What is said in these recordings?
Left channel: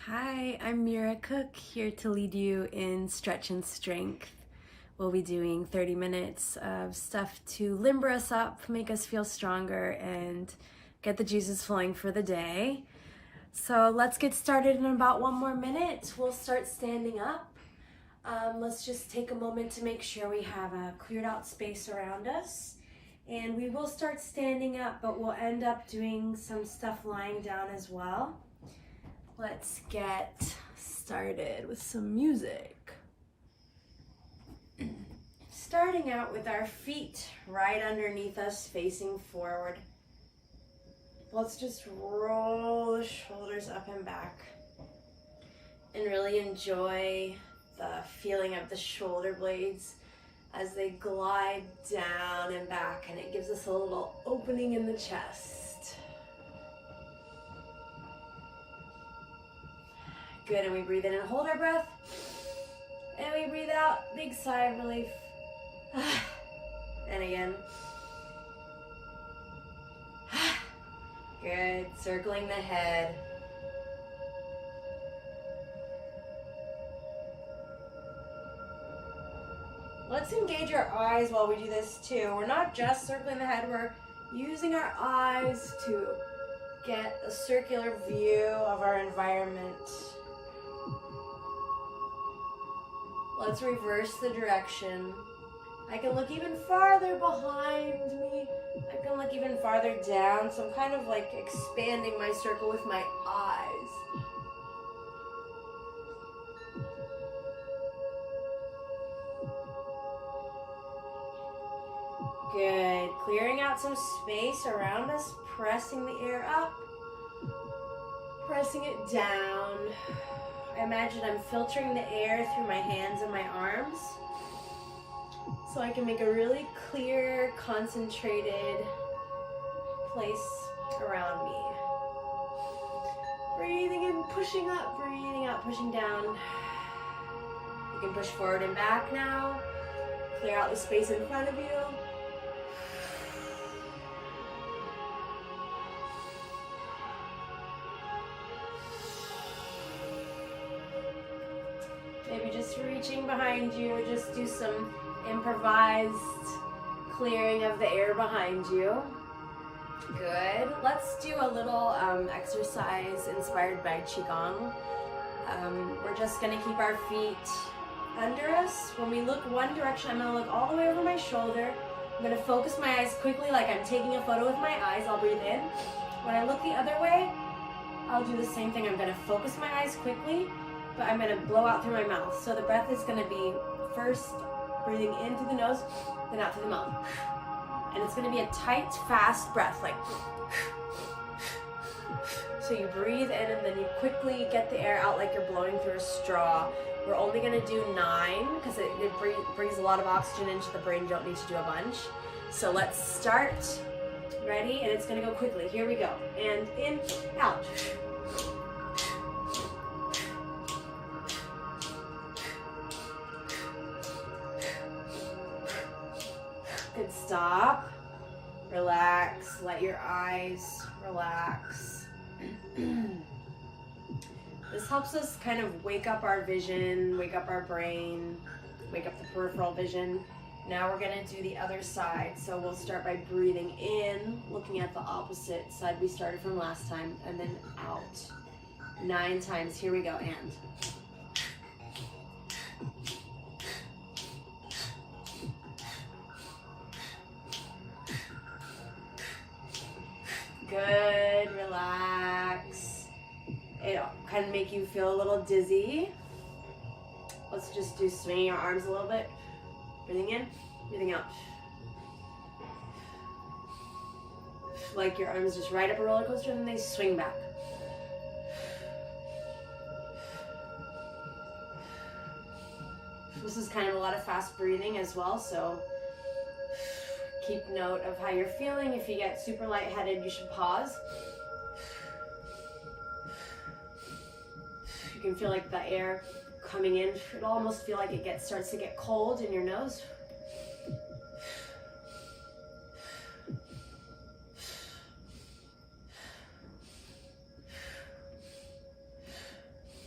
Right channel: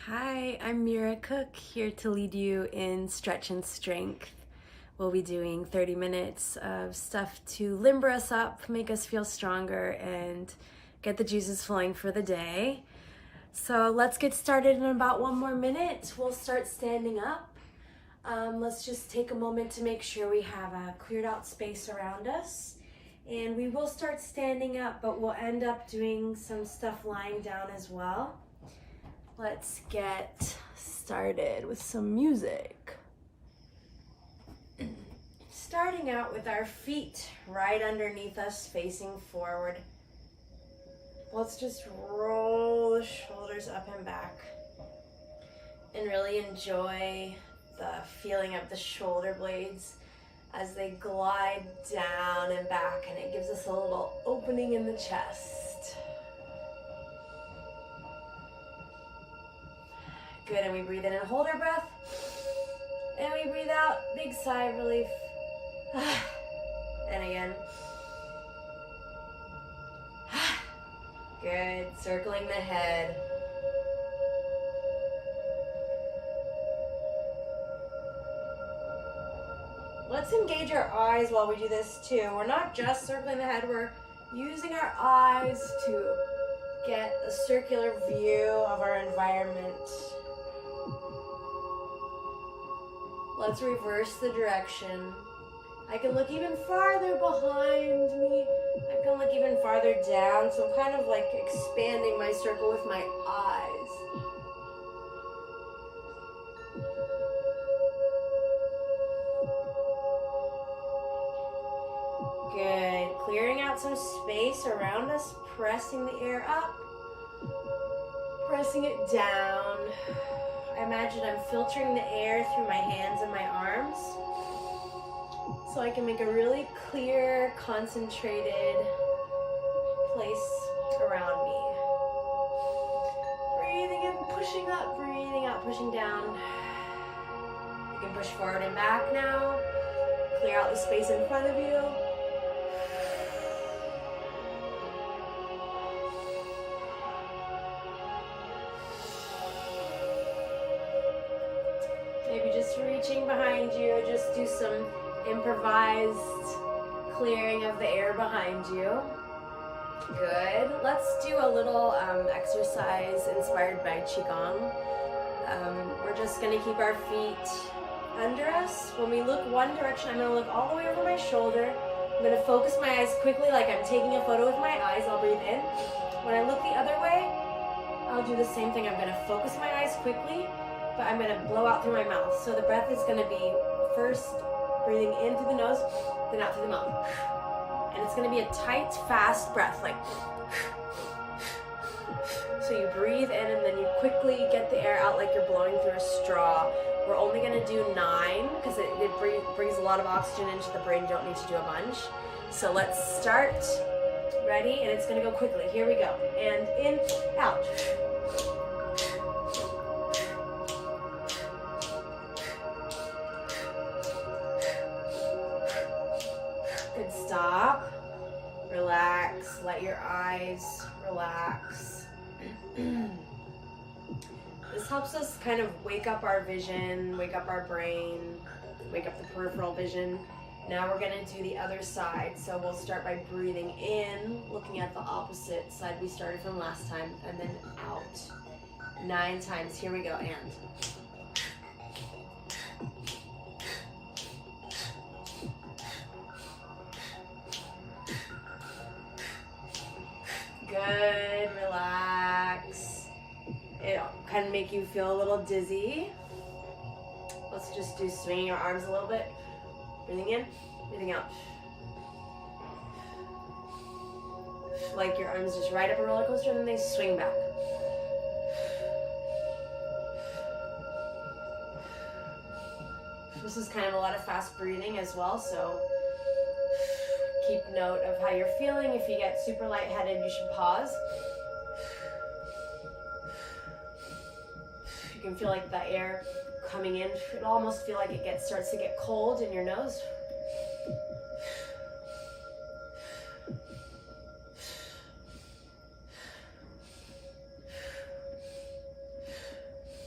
Hi, I'm Mira Cook, here to lead you in stretch and strength. We'll be doing 30 minutes of stuff to limber us up, make us feel stronger, and get the juices flowing for the day. So let's get started in about 1 more minute. We'll start standing up. Let's just take a moment to make sure we have a cleared out space around us. And we will start standing up, but we'll end up doing some stuff lying down as well. Let's get started with some music. Starting out with our feet right underneath us, facing forward. Let's just roll the shoulders up and back and really enjoy the feeling of the shoulder blades as they glide down and back, and it gives us a little opening in the chest. Good, and we breathe in and hold our breath. And we breathe out, big sigh of relief. And again. Good, circling the head. Let's engage our eyes while we do this too. We're not just circling the head, we're using our eyes to get a circular view of our environment. Let's reverse the direction. I can look even farther behind me. I can look even farther down. So I'm kind of like expanding my circle with my eyes. Good. Clearing out some space around us, pressing the air up, pressing it down. I imagine I'm filtering the air through my hands and my arms so I can make a really clear, concentrated place around me. Breathing in, pushing up, breathing out, pushing down. You can push forward and back now. Clear out the space in front of you. Maybe just reaching behind you, just do some improvised clearing of the air behind you. Good. Let's do a little exercise inspired by Qigong. We're just going to keep our feet under us. When we look one direction, I'm going to look all the way over my shoulder. I'm going to focus my eyes quickly like I'm taking a photo with my eyes. I'll breathe in. When I look the other way, I'll do the same thing. I'm going to focus my eyes quickly, but I'm going to blow out through my mouth. So the breath is going to be first breathing in through the nose, then out through the mouth. And it's going to be a tight, fast breath, like. So you breathe in and then you quickly get the air out like you're blowing through a straw. We're only going to do 9 because it brings a lot of oxygen into the brain. You don't need to do a bunch. So let's start. Ready? And it's going to go quickly. Here we go. And in, out. Good, stop, relax, let your eyes relax. This helps us kind of wake up our vision, wake up our brain, wake up the peripheral vision. Now we're gonna do the other side. So we'll start by breathing in, looking at the opposite side we started from last time, and then out. 9 times, here we go, and. Good, relax. It'll kind of make you feel a little dizzy. Let's just do swinging your arms a little bit. Breathing in, breathing out. Like your arms just ride up a roller coaster and then they swing back. This is kind of a lot of fast breathing as well, so keep note of how you're feeling. If you get super lightheaded, you should pause. You can feel like the air coming in. It'll almost feel like it starts to get cold in your nose.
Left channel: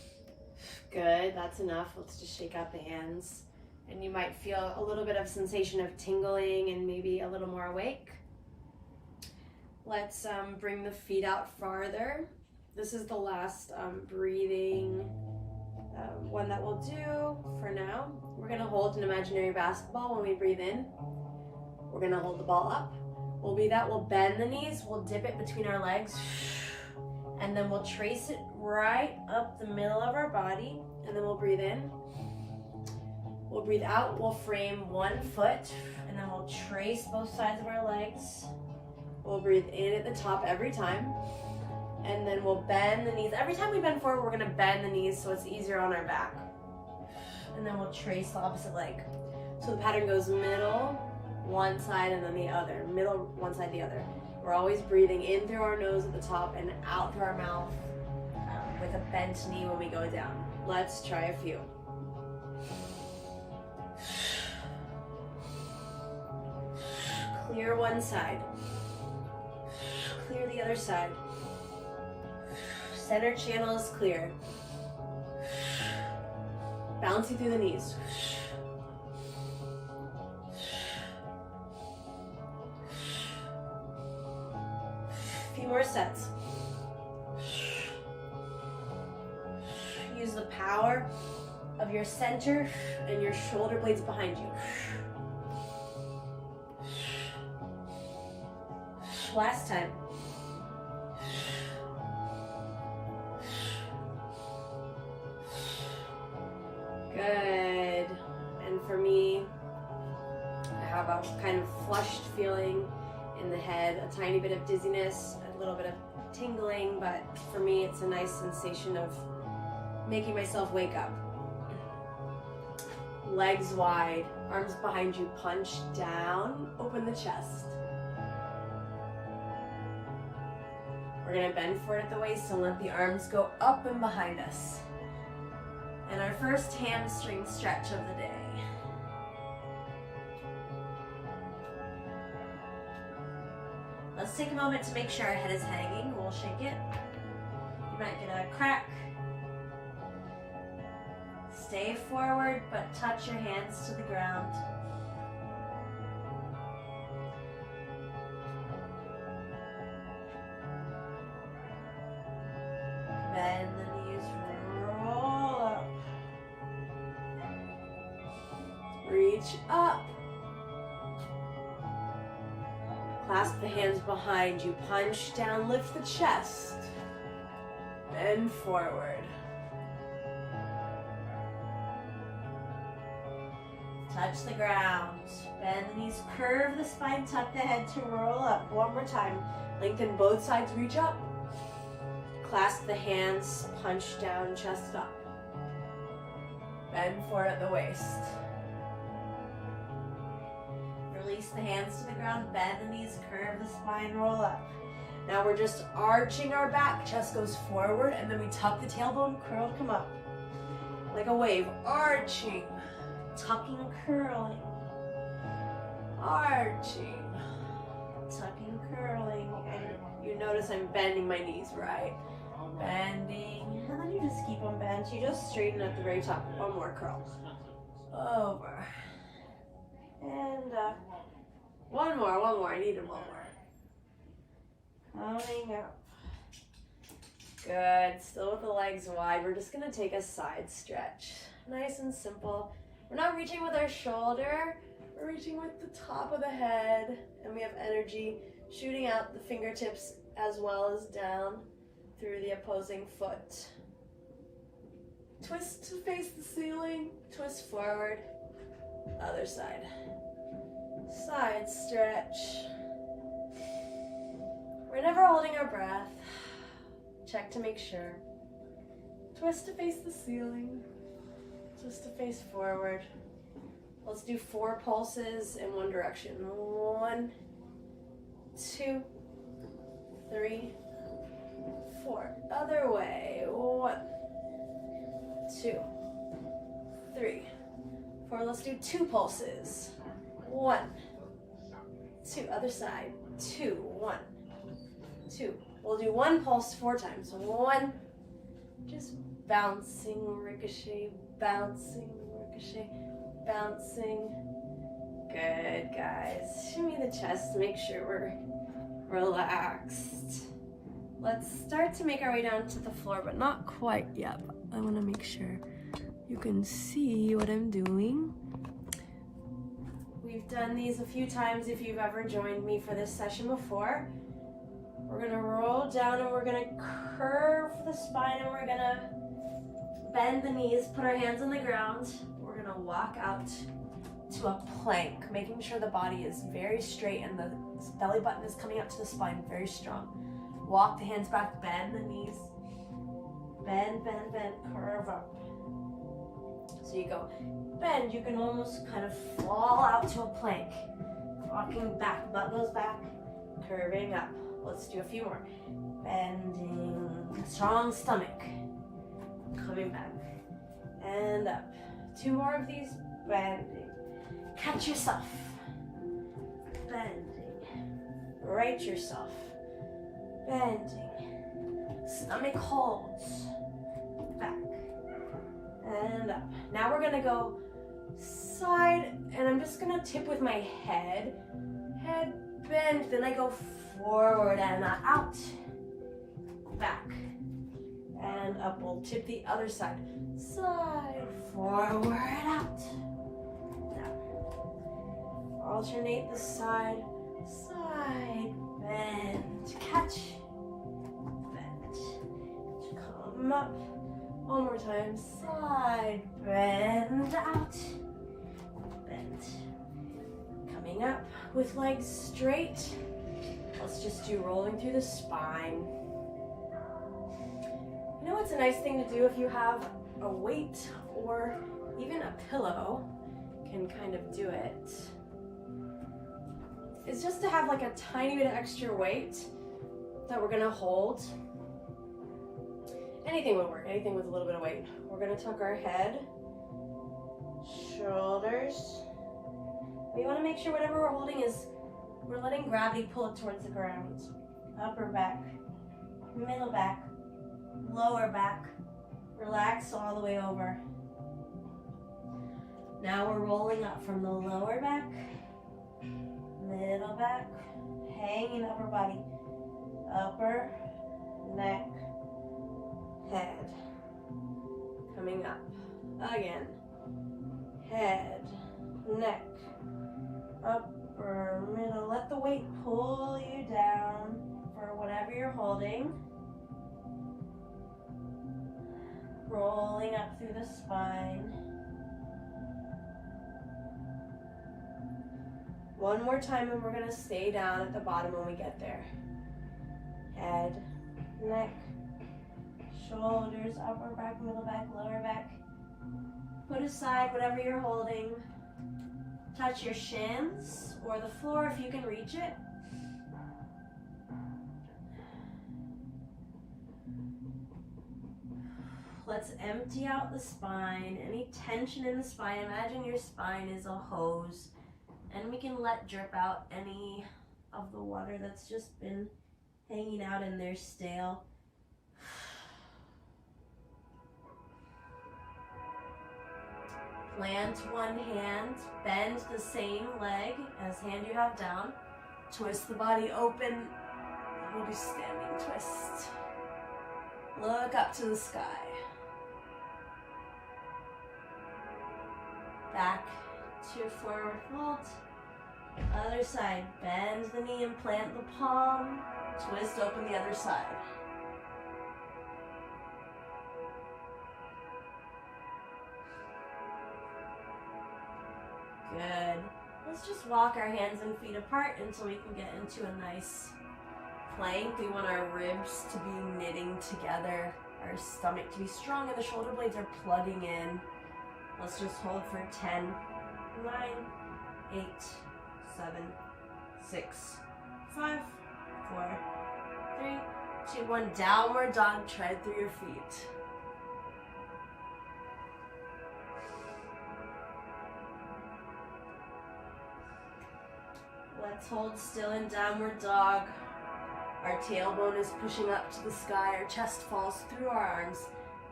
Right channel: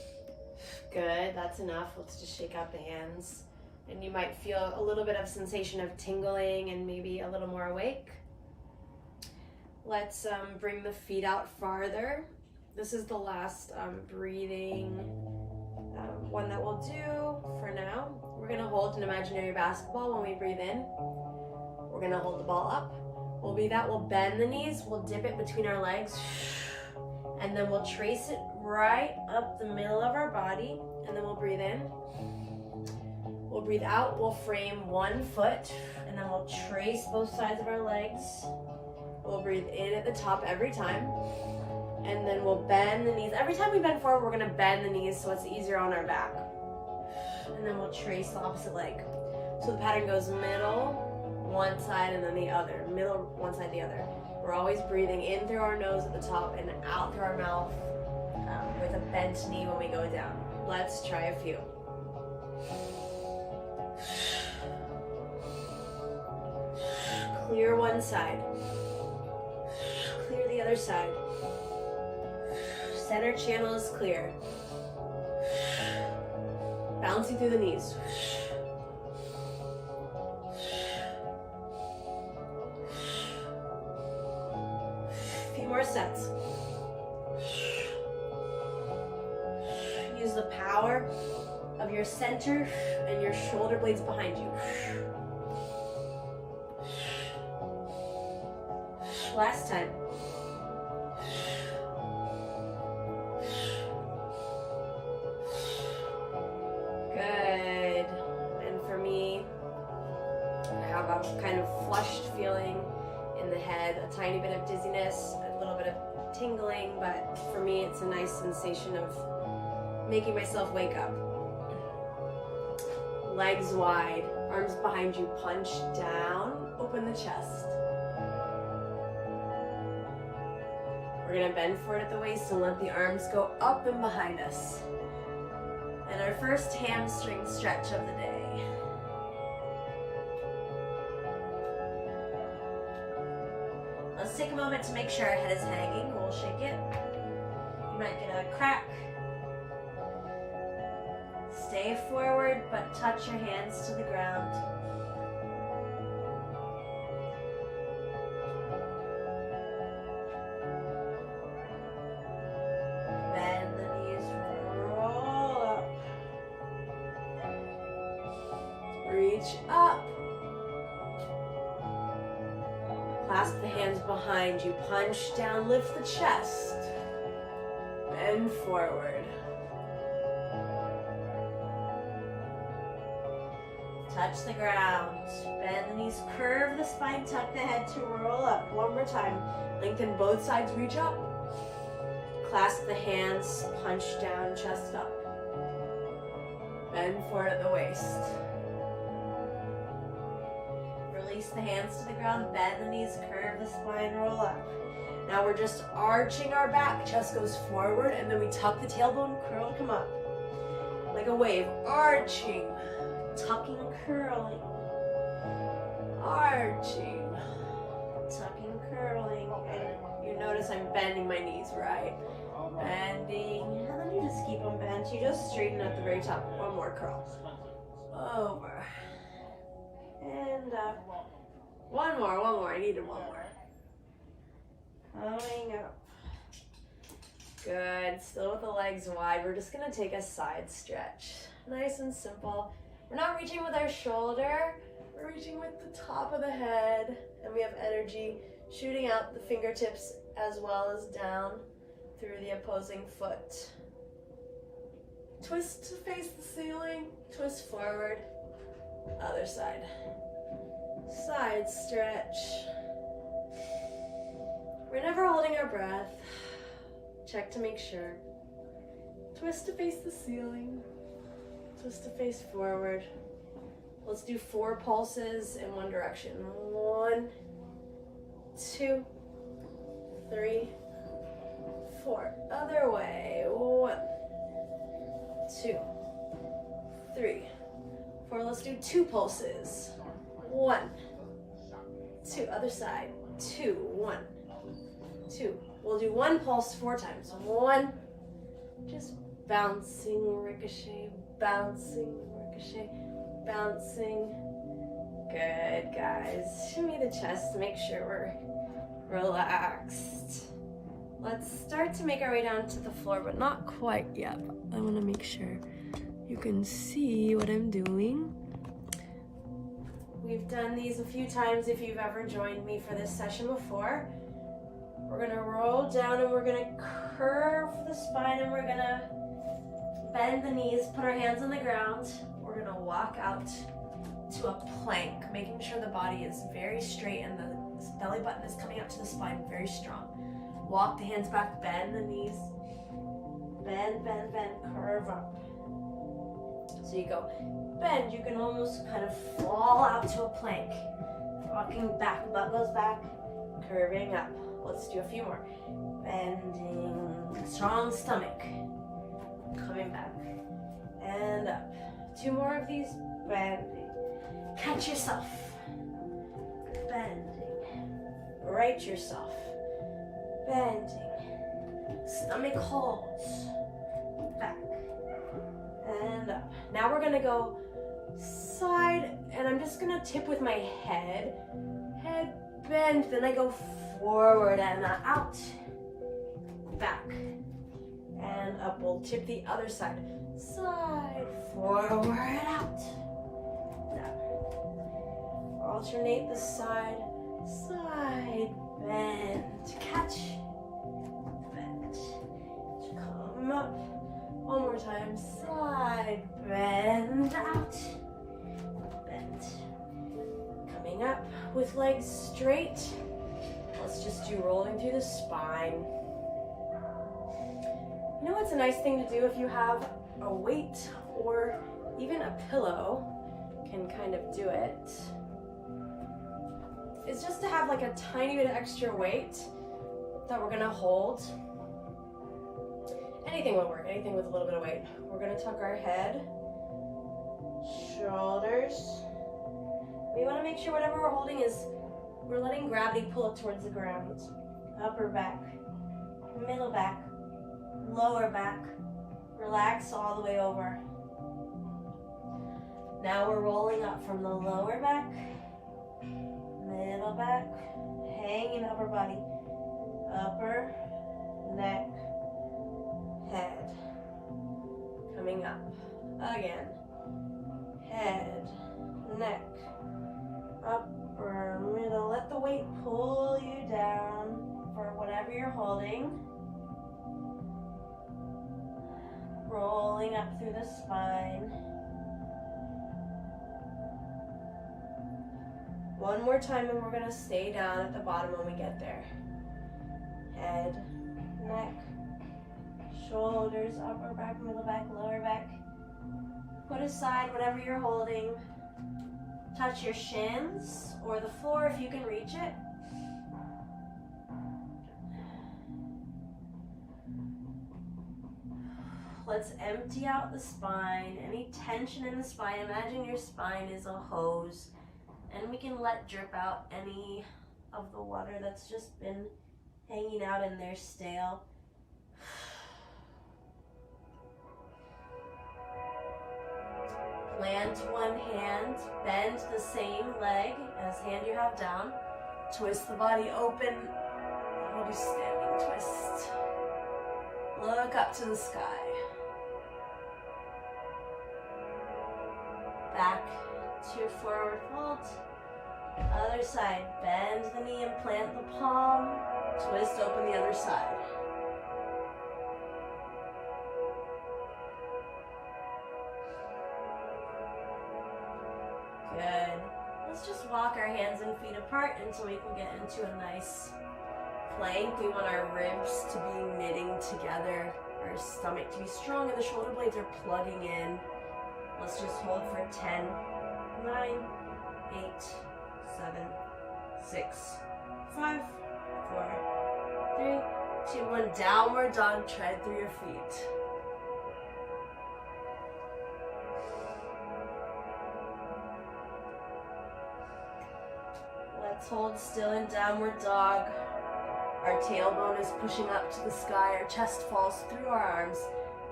Good, that's enough. Let's just shake out the hands. And you might feel a little bit of sensation of tingling and maybe a little more awake. Let's bring the feet out farther. This is the last breathing one that we'll do for now. We're gonna hold an imaginary basketball when we breathe in. We're gonna hold the ball up. We'll breathe out, we'll bend the knees, we'll dip it between our legs, and then we'll trace it right up the middle of our body, and then we'll breathe in. We'll breathe out, we'll frame one foot, and then we'll trace both sides of our legs. We'll breathe in at the top every time, and then we'll bend the knees. Every time we bend forward, we're gonna bend the knees so it's easier on our back. And then we'll trace the opposite leg. So the pattern goes middle, one side, and then the other. Middle, one side, the other. We're always breathing in through our nose at the top and out through our mouth with a bent knee when we go down. Let's try a few. Clear one side. Clear the other side. Center channel is clear. Bouncing through the knees. A few more sets. Use the power of your center and your shoulder blades behind you. Last time. Good. And for me, I have a kind of flushed feeling in the head, a tiny bit of dizziness, a little bit of tingling, but for me it's a nice sensation of making myself wake up. Legs wide, arms behind you, punch down, open the chest. We're gonna bend forward at the waist and let the arms go up and behind us. And our first hamstring stretch of the day. Let's take a moment to make sure our head is hanging. We'll shake it. You might get a crack. Stay forward, but touch your hands to the ground. Bend the knees, roll up. Reach up. Clasp the hands behind you, punch down, lift the chest. Bend forward. Touch the ground. Bend the knees, curve the spine, tuck the head to roll up. One more time. Lengthen both sides, reach up. Clasp the hands, punch down, chest up. Bend forward at the waist. Release the hands to the ground, bend the knees, curve the spine, roll up. Now we're just arching our back, chest goes forward, and then we tuck the tailbone, curl to come up. Like a wave, arching, tucking, curling, arching, tucking, curling, and you notice I'm bending my knees, right? Bending, and then you just keep them bent. You just straighten at the very top. One more curl. Over. And up. One more. I needed one more. Coming up. Good. Still with the legs wide. We're just going to take a side stretch. Nice and simple. We're not reaching with our shoulder. We're reaching with the top of the head. And we have energy shooting out the fingertips as well as down through the opposing foot. Twist to face the ceiling. Twist forward. Other side. Side stretch. We're never holding our breath. Check to make sure. Twist to face the ceiling. Twist to face forward. Let's do 4 pulses in one direction. 1, 2, 3, 4. Other way. 1, 2, 3, 4. Let's do 2 pulses. 1, 2. Other side. 2, 1, 2. We'll do 1 pulse 4 times. 1. Just bouncing, ricochet, bouncing, ricochet, bouncing. Good, guys. Shimmy the chest, make sure we're relaxed. Let's start to make our way down to the floor, but not quite yet. I want to make sure you can see what I'm doing. We've done these a few times if you've ever joined me for this session before. We're gonna roll down and we're gonna curve the spine and we're gonna bend the knees, put our hands on the ground. We're gonna walk out to a plank, making sure the body is very straight and the belly button is coming up to the spine, very strong. Walk the hands back, bend the knees, bend, bend, bend, curve up. So you go bend, you can almost kind of fall out to a plank. Walking back, butt goes back, curving up. Let's do a few more. Bending, strong stomach. Coming back and up. 2 more of these, bending. Catch yourself. Bending. Right yourself. Bending. Stomach holds. Back and up. Now we're gonna go side, and I'm just gonna tip with my head. Head bend, then I go forward and out. Back and up. We'll tip the other side. Side, forward, out. Down. Alternate the side, side, bend, catch, bend. Come up. One more time. Side, bend, out, bend. Coming up with legs straight. Let's just do rolling through the spine. You know what's a nice thing to do if you have a weight or even a pillow, can kind of do it, is just to have like a tiny bit of extra weight that we're gonna hold. Anything will work, anything with a little bit of weight. We're gonna tuck our head, shoulders. We wanna make sure whatever we're holding is, we're letting gravity pull it towards the ground. Upper back, middle back, lower back. Relax all the way over. Now we're rolling up from the lower back, middle back, hanging upper body, upper, neck, head. Coming up. Again. Head, neck, upper, middle. Let the weight pull you down for whatever you're holding. Rolling up through the spine. One more time and we're gonna stay down at the bottom when we get there. Head, neck, shoulders, upper back, middle back, lower back. Put aside whatever you're holding. Touch your shins or the floor if you can reach it. Let's empty out the spine. Any tension in the spine, imagine your spine is a hose, and we can let drip out any of the water that's just been hanging out in there stale. Plant one hand, bend the same leg as hand you have down. Twist the body open. We'll do standing twist. Look up to the sky. Back to forward fold. Other side, bend the knee and plant the palm. Twist open the other side. Good. Let's just walk our hands and feet apart until we can get into a nice plank. We want our ribs to be knitting together, our stomach to be strong, and the shoulder blades are plugging in. Let's just hold for 10, 9, 8, 7, 6, 5, 4, 3, 2, 1. Downward dog, tread through your feet. Let's hold still in downward dog. Our tailbone is pushing up to the sky. Our chest falls through our arms.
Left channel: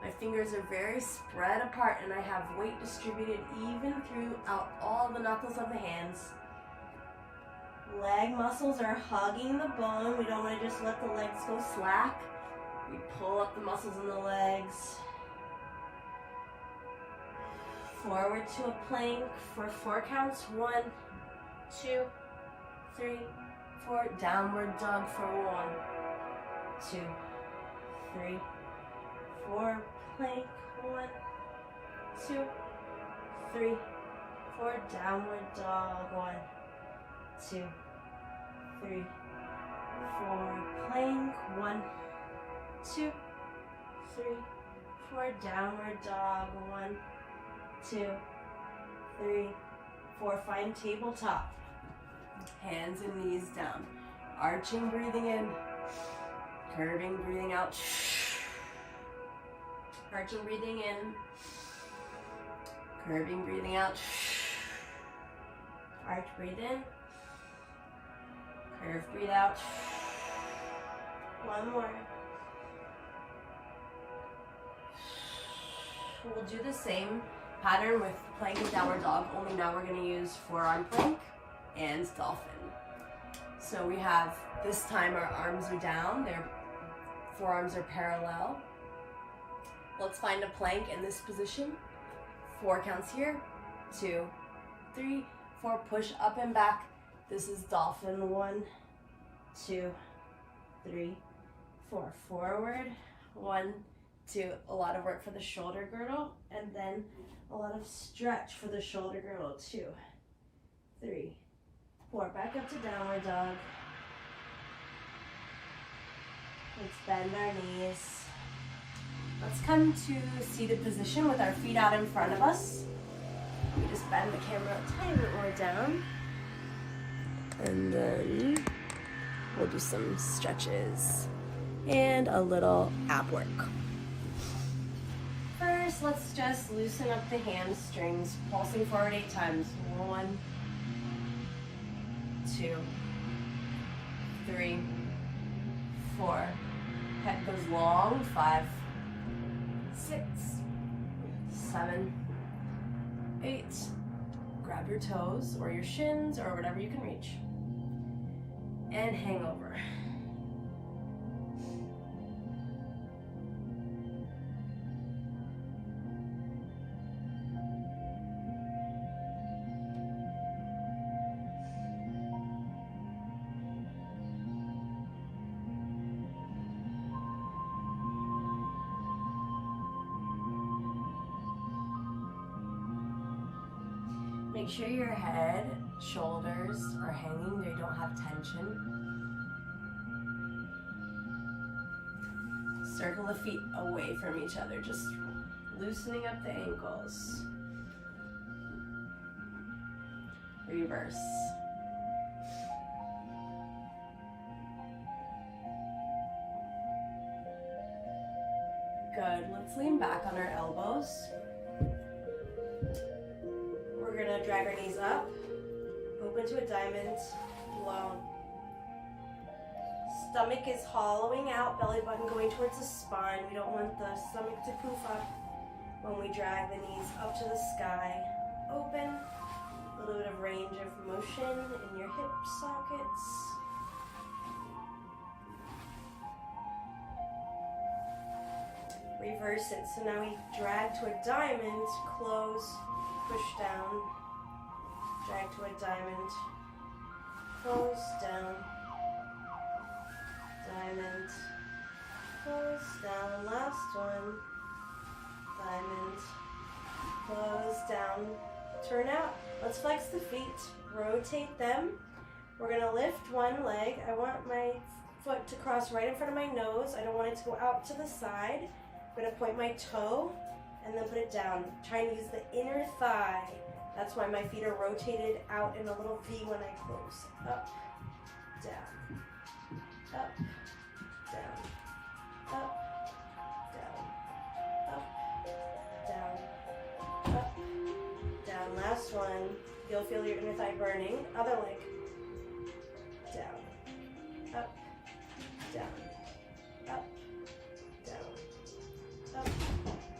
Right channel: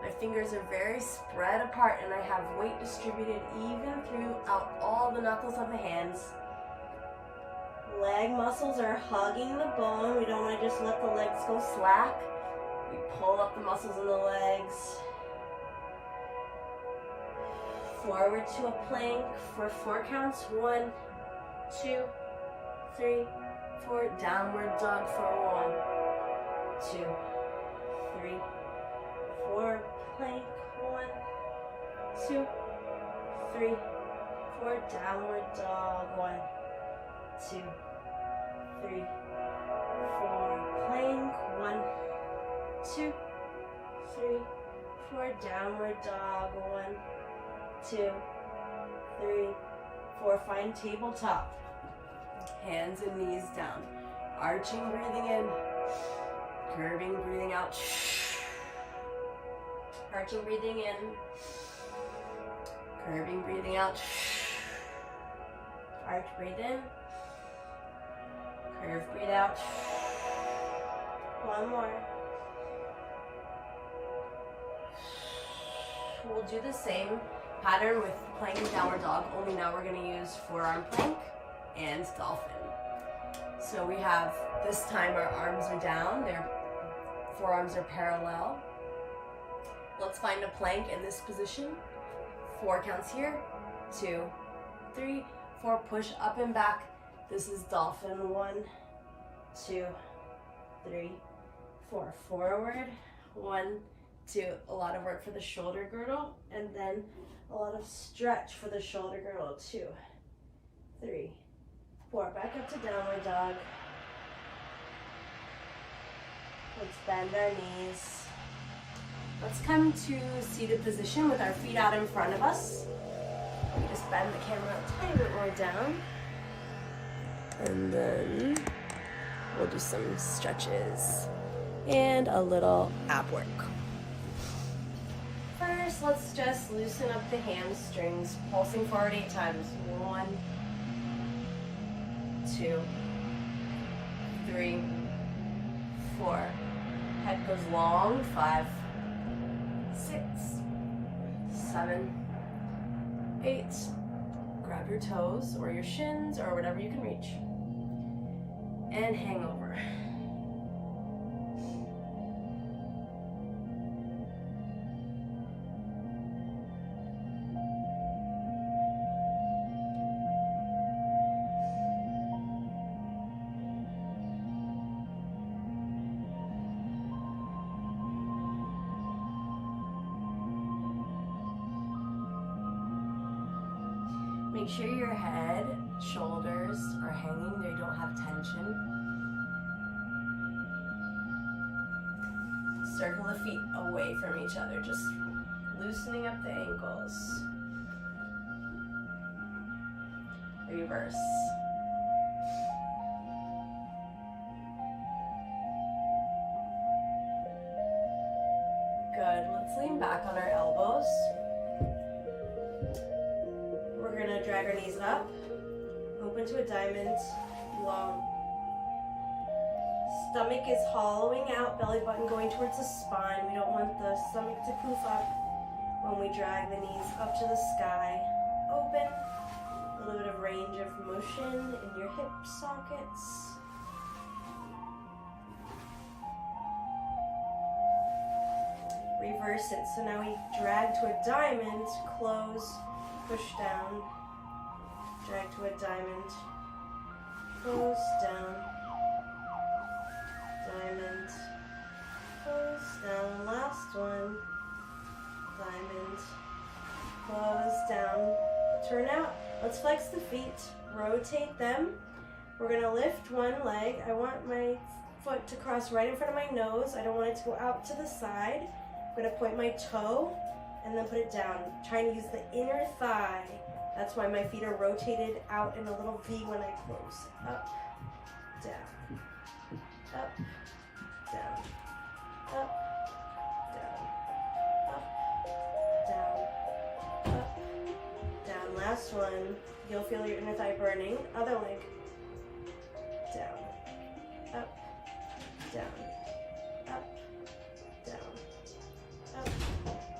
My fingers are very spread apart and I have weight distributed even throughout all the knuckles of the hands. Leg muscles are hugging the bone. We don't want to just let the legs go slack. We pull up the muscles in the legs. Forward to a plank for 4 counts. 1, 2, 3, 4. Downward dog for 1, 2, 3, 4. Plank. 1, 2, 3, 4. Downward dog. 1, 2, 3, 4. Plank. 1, 2, 3, 4. Downward dog. 1, 2, 3, 4. Find tabletop. Hands and knees down. Arching, breathing in. Curving, breathing out. Arching, breathing in. Curving, breathing out. Arch, breathe in. Curve, breathe out. One more. We'll do the same pattern with plank and downward dog, only now we're going to use forearm plank and dolphin. So we have, this time our arms are down, their forearms are parallel. Let's find a plank in this position. 4 counts here. 2, 3, 4. Push up and back. This is dolphin. 1, 2, 3, 4. Forward. 1, 2. A lot of work for the shoulder girdle, and then a lot of stretch for the shoulder girdle. 2, 3, 4. Back up to downward dog. Let's bend our knees. Let's come to seated position with our feet out in front of us. We just bend the camera a tiny bit more down. And then we'll do some stretches and a little ab work. First, let's just loosen up the hamstrings, pulsing forward 8 times. 1, 2, 3, 4. Head goes long. 5, 6, 7, 8. Grab your toes or your shins or whatever you can reach. And hang over. Make sure your head, shoulders are hanging, they don't have tension. Circle the feet away from each other, just loosening up the ankles. Reverse. Good, let's lean back on our elbows. We're gonna drag our knees up, open to a diamond, long. Stomach is hollowing out, belly button going towards the spine. We don't want the stomach to poof up when we drag the knees up to the sky. Open, a little bit of range of motion in your hip sockets. Reverse it, so now we drag to a diamond, close, push down, drag to a diamond, close, down, diamond, close, down, last one, diamond, close, down, turn out. Let's flex the feet, rotate them. We're gonna lift one leg. I want my foot to cross right in front of my nose. I don't want it to go out to the side. I'm gonna point my toe and then put it down. Try and use the inner thigh. That's why my feet are rotated out in a little V when I close. Up, down, up, down, up, down, up, down, up, down. Last one. You'll feel your inner thigh burning. Other leg. Down, up, down, up, down, up,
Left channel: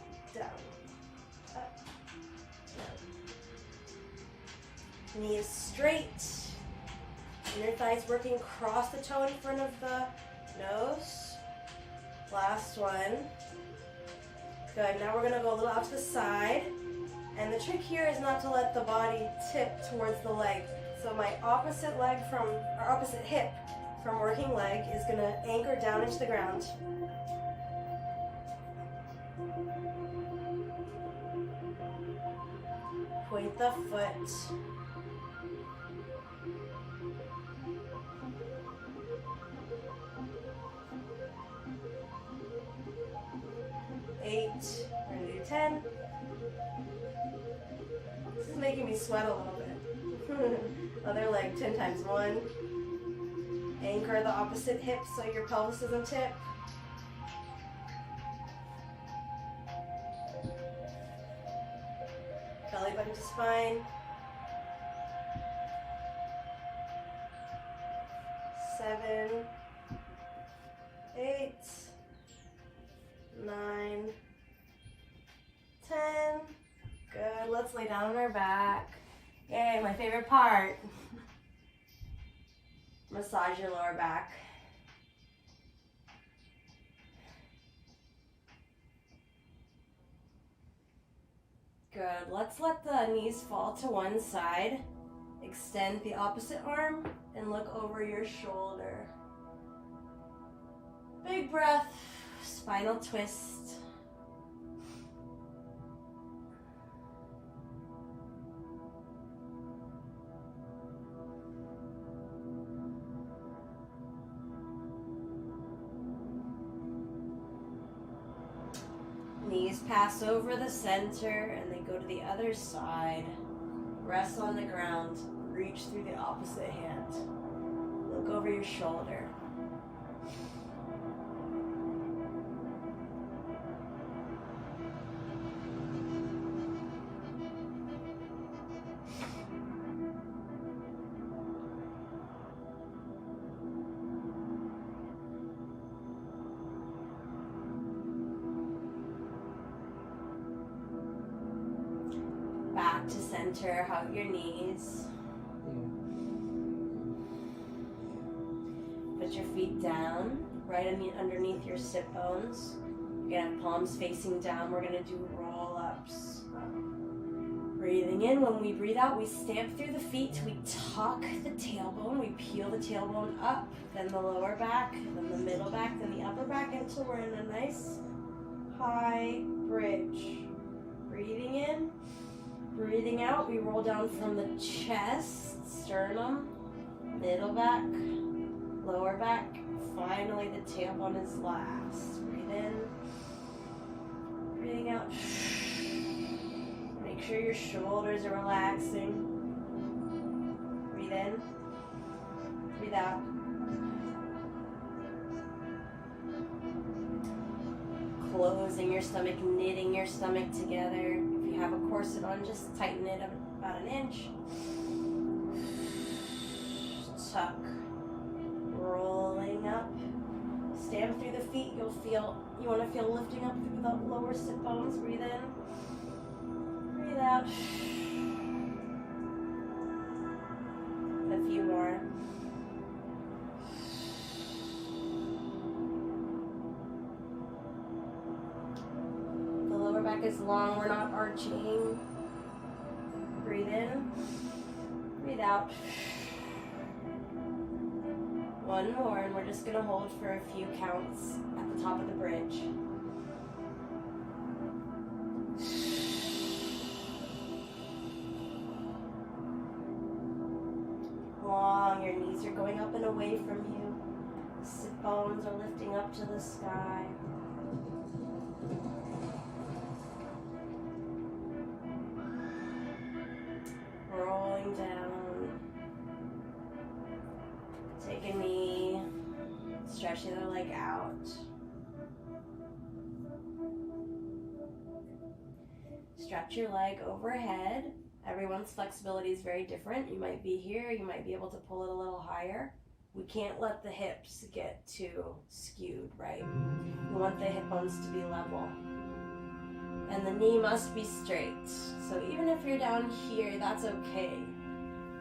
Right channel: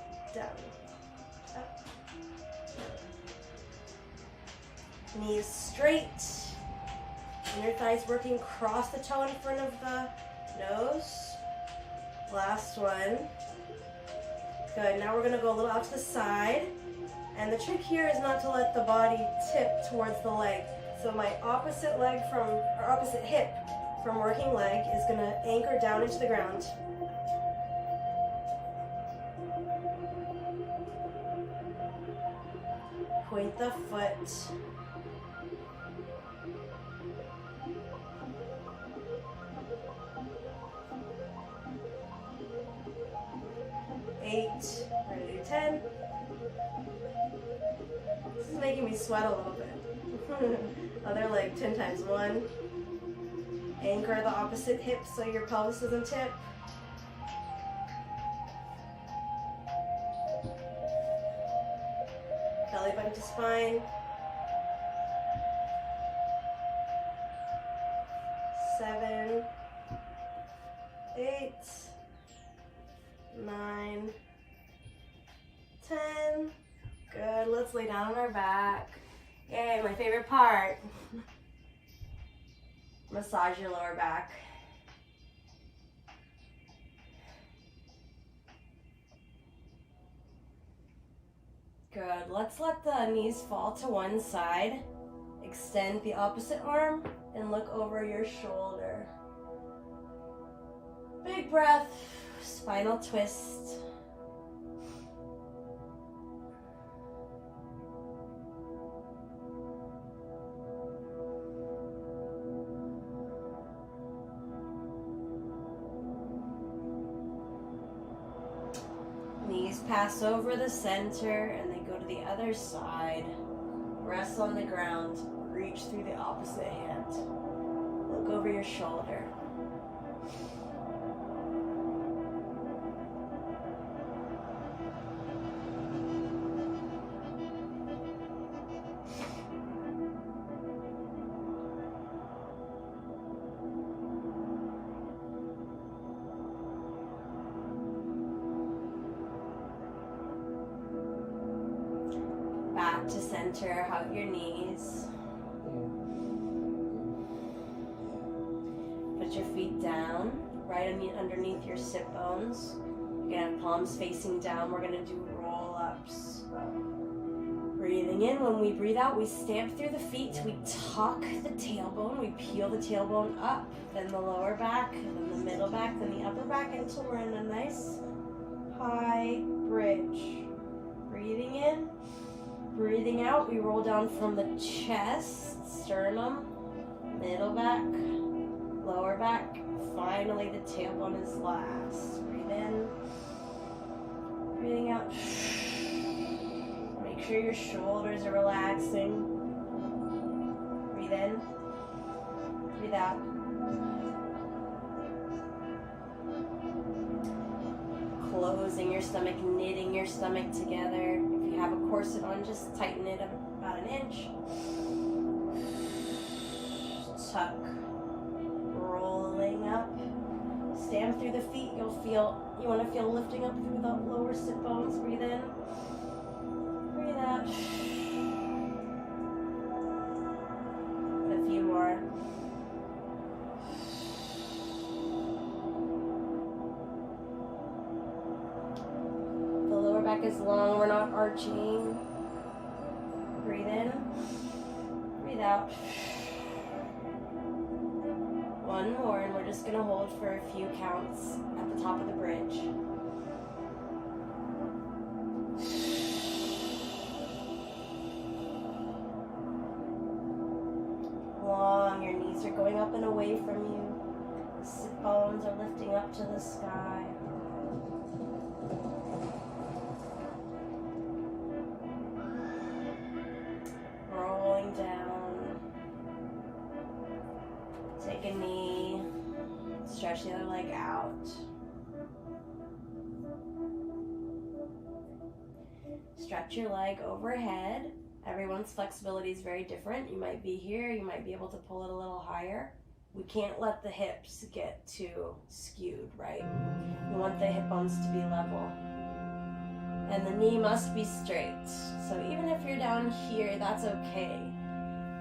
Knees straight. Inner thighs working across the toe in front of the nose. Last one. Good. Now we're going to go a little out to the side. And the trick here is not to let the body tip towards the leg. So my opposite hip from working leg is going to anchor down into the ground. Point the foot. Eight. We're going to do 10. This is making me sweat a little bit. Other leg, 10 times. 1. Anchor the opposite hip so your pelvis doesn't tip. Belly button to spine. 7, 8, 9, 10. Good. Let's lay down on our back. Yay, my favorite part. Massage your lower back. Good. Let's let the knees fall to one side. Extend the opposite arm and look over your shoulder. Big breath. Spinal twist. Knees pass over the center and they go to the other side. Rest on the ground. Reach through the opposite hand. Look over your shoulder. Back to center, hug your knees. Put your feet down, right underneath your sit bones. You're gonna have palms facing down. We're gonna do roll-ups. Breathing in, when we breathe out, we stamp through the feet, we tuck the tailbone, we peel the tailbone up, then the lower back, then the middle back, then the upper back, until we're in a nice high bridge. Breathing in. Breathing out, we roll down from the chest, sternum, middle back, lower back. Finally, the tailbone is last. Breathe in. Breathing out. Make sure your shoulders are relaxing. Breathe in. Breathe out. Closing your stomach, knitting your stomach together. If you have a corset on, just tighten it about an inch. Tuck. Rolling up. Stamp through the feet. You want to feel lifting up through the lower sit bones. Breathe in. Breathe out. A few more. The lower back is long. We're not arching. Breathe in. Breathe out. One more, and we're just going to hold for a few counts at the top of the bridge. Long, your knees are going up and away from you. Sit bones are lifting up to the sky. Rolling down. Take a knee, stretch the other leg out. Stretch your leg overhead. Everyone's flexibility is very different. You might be here, you might be able to pull it a little higher. We can't let the hips get too skewed, right? We want the hip bones to be level. And the knee must be straight. So even if you're down here, that's okay.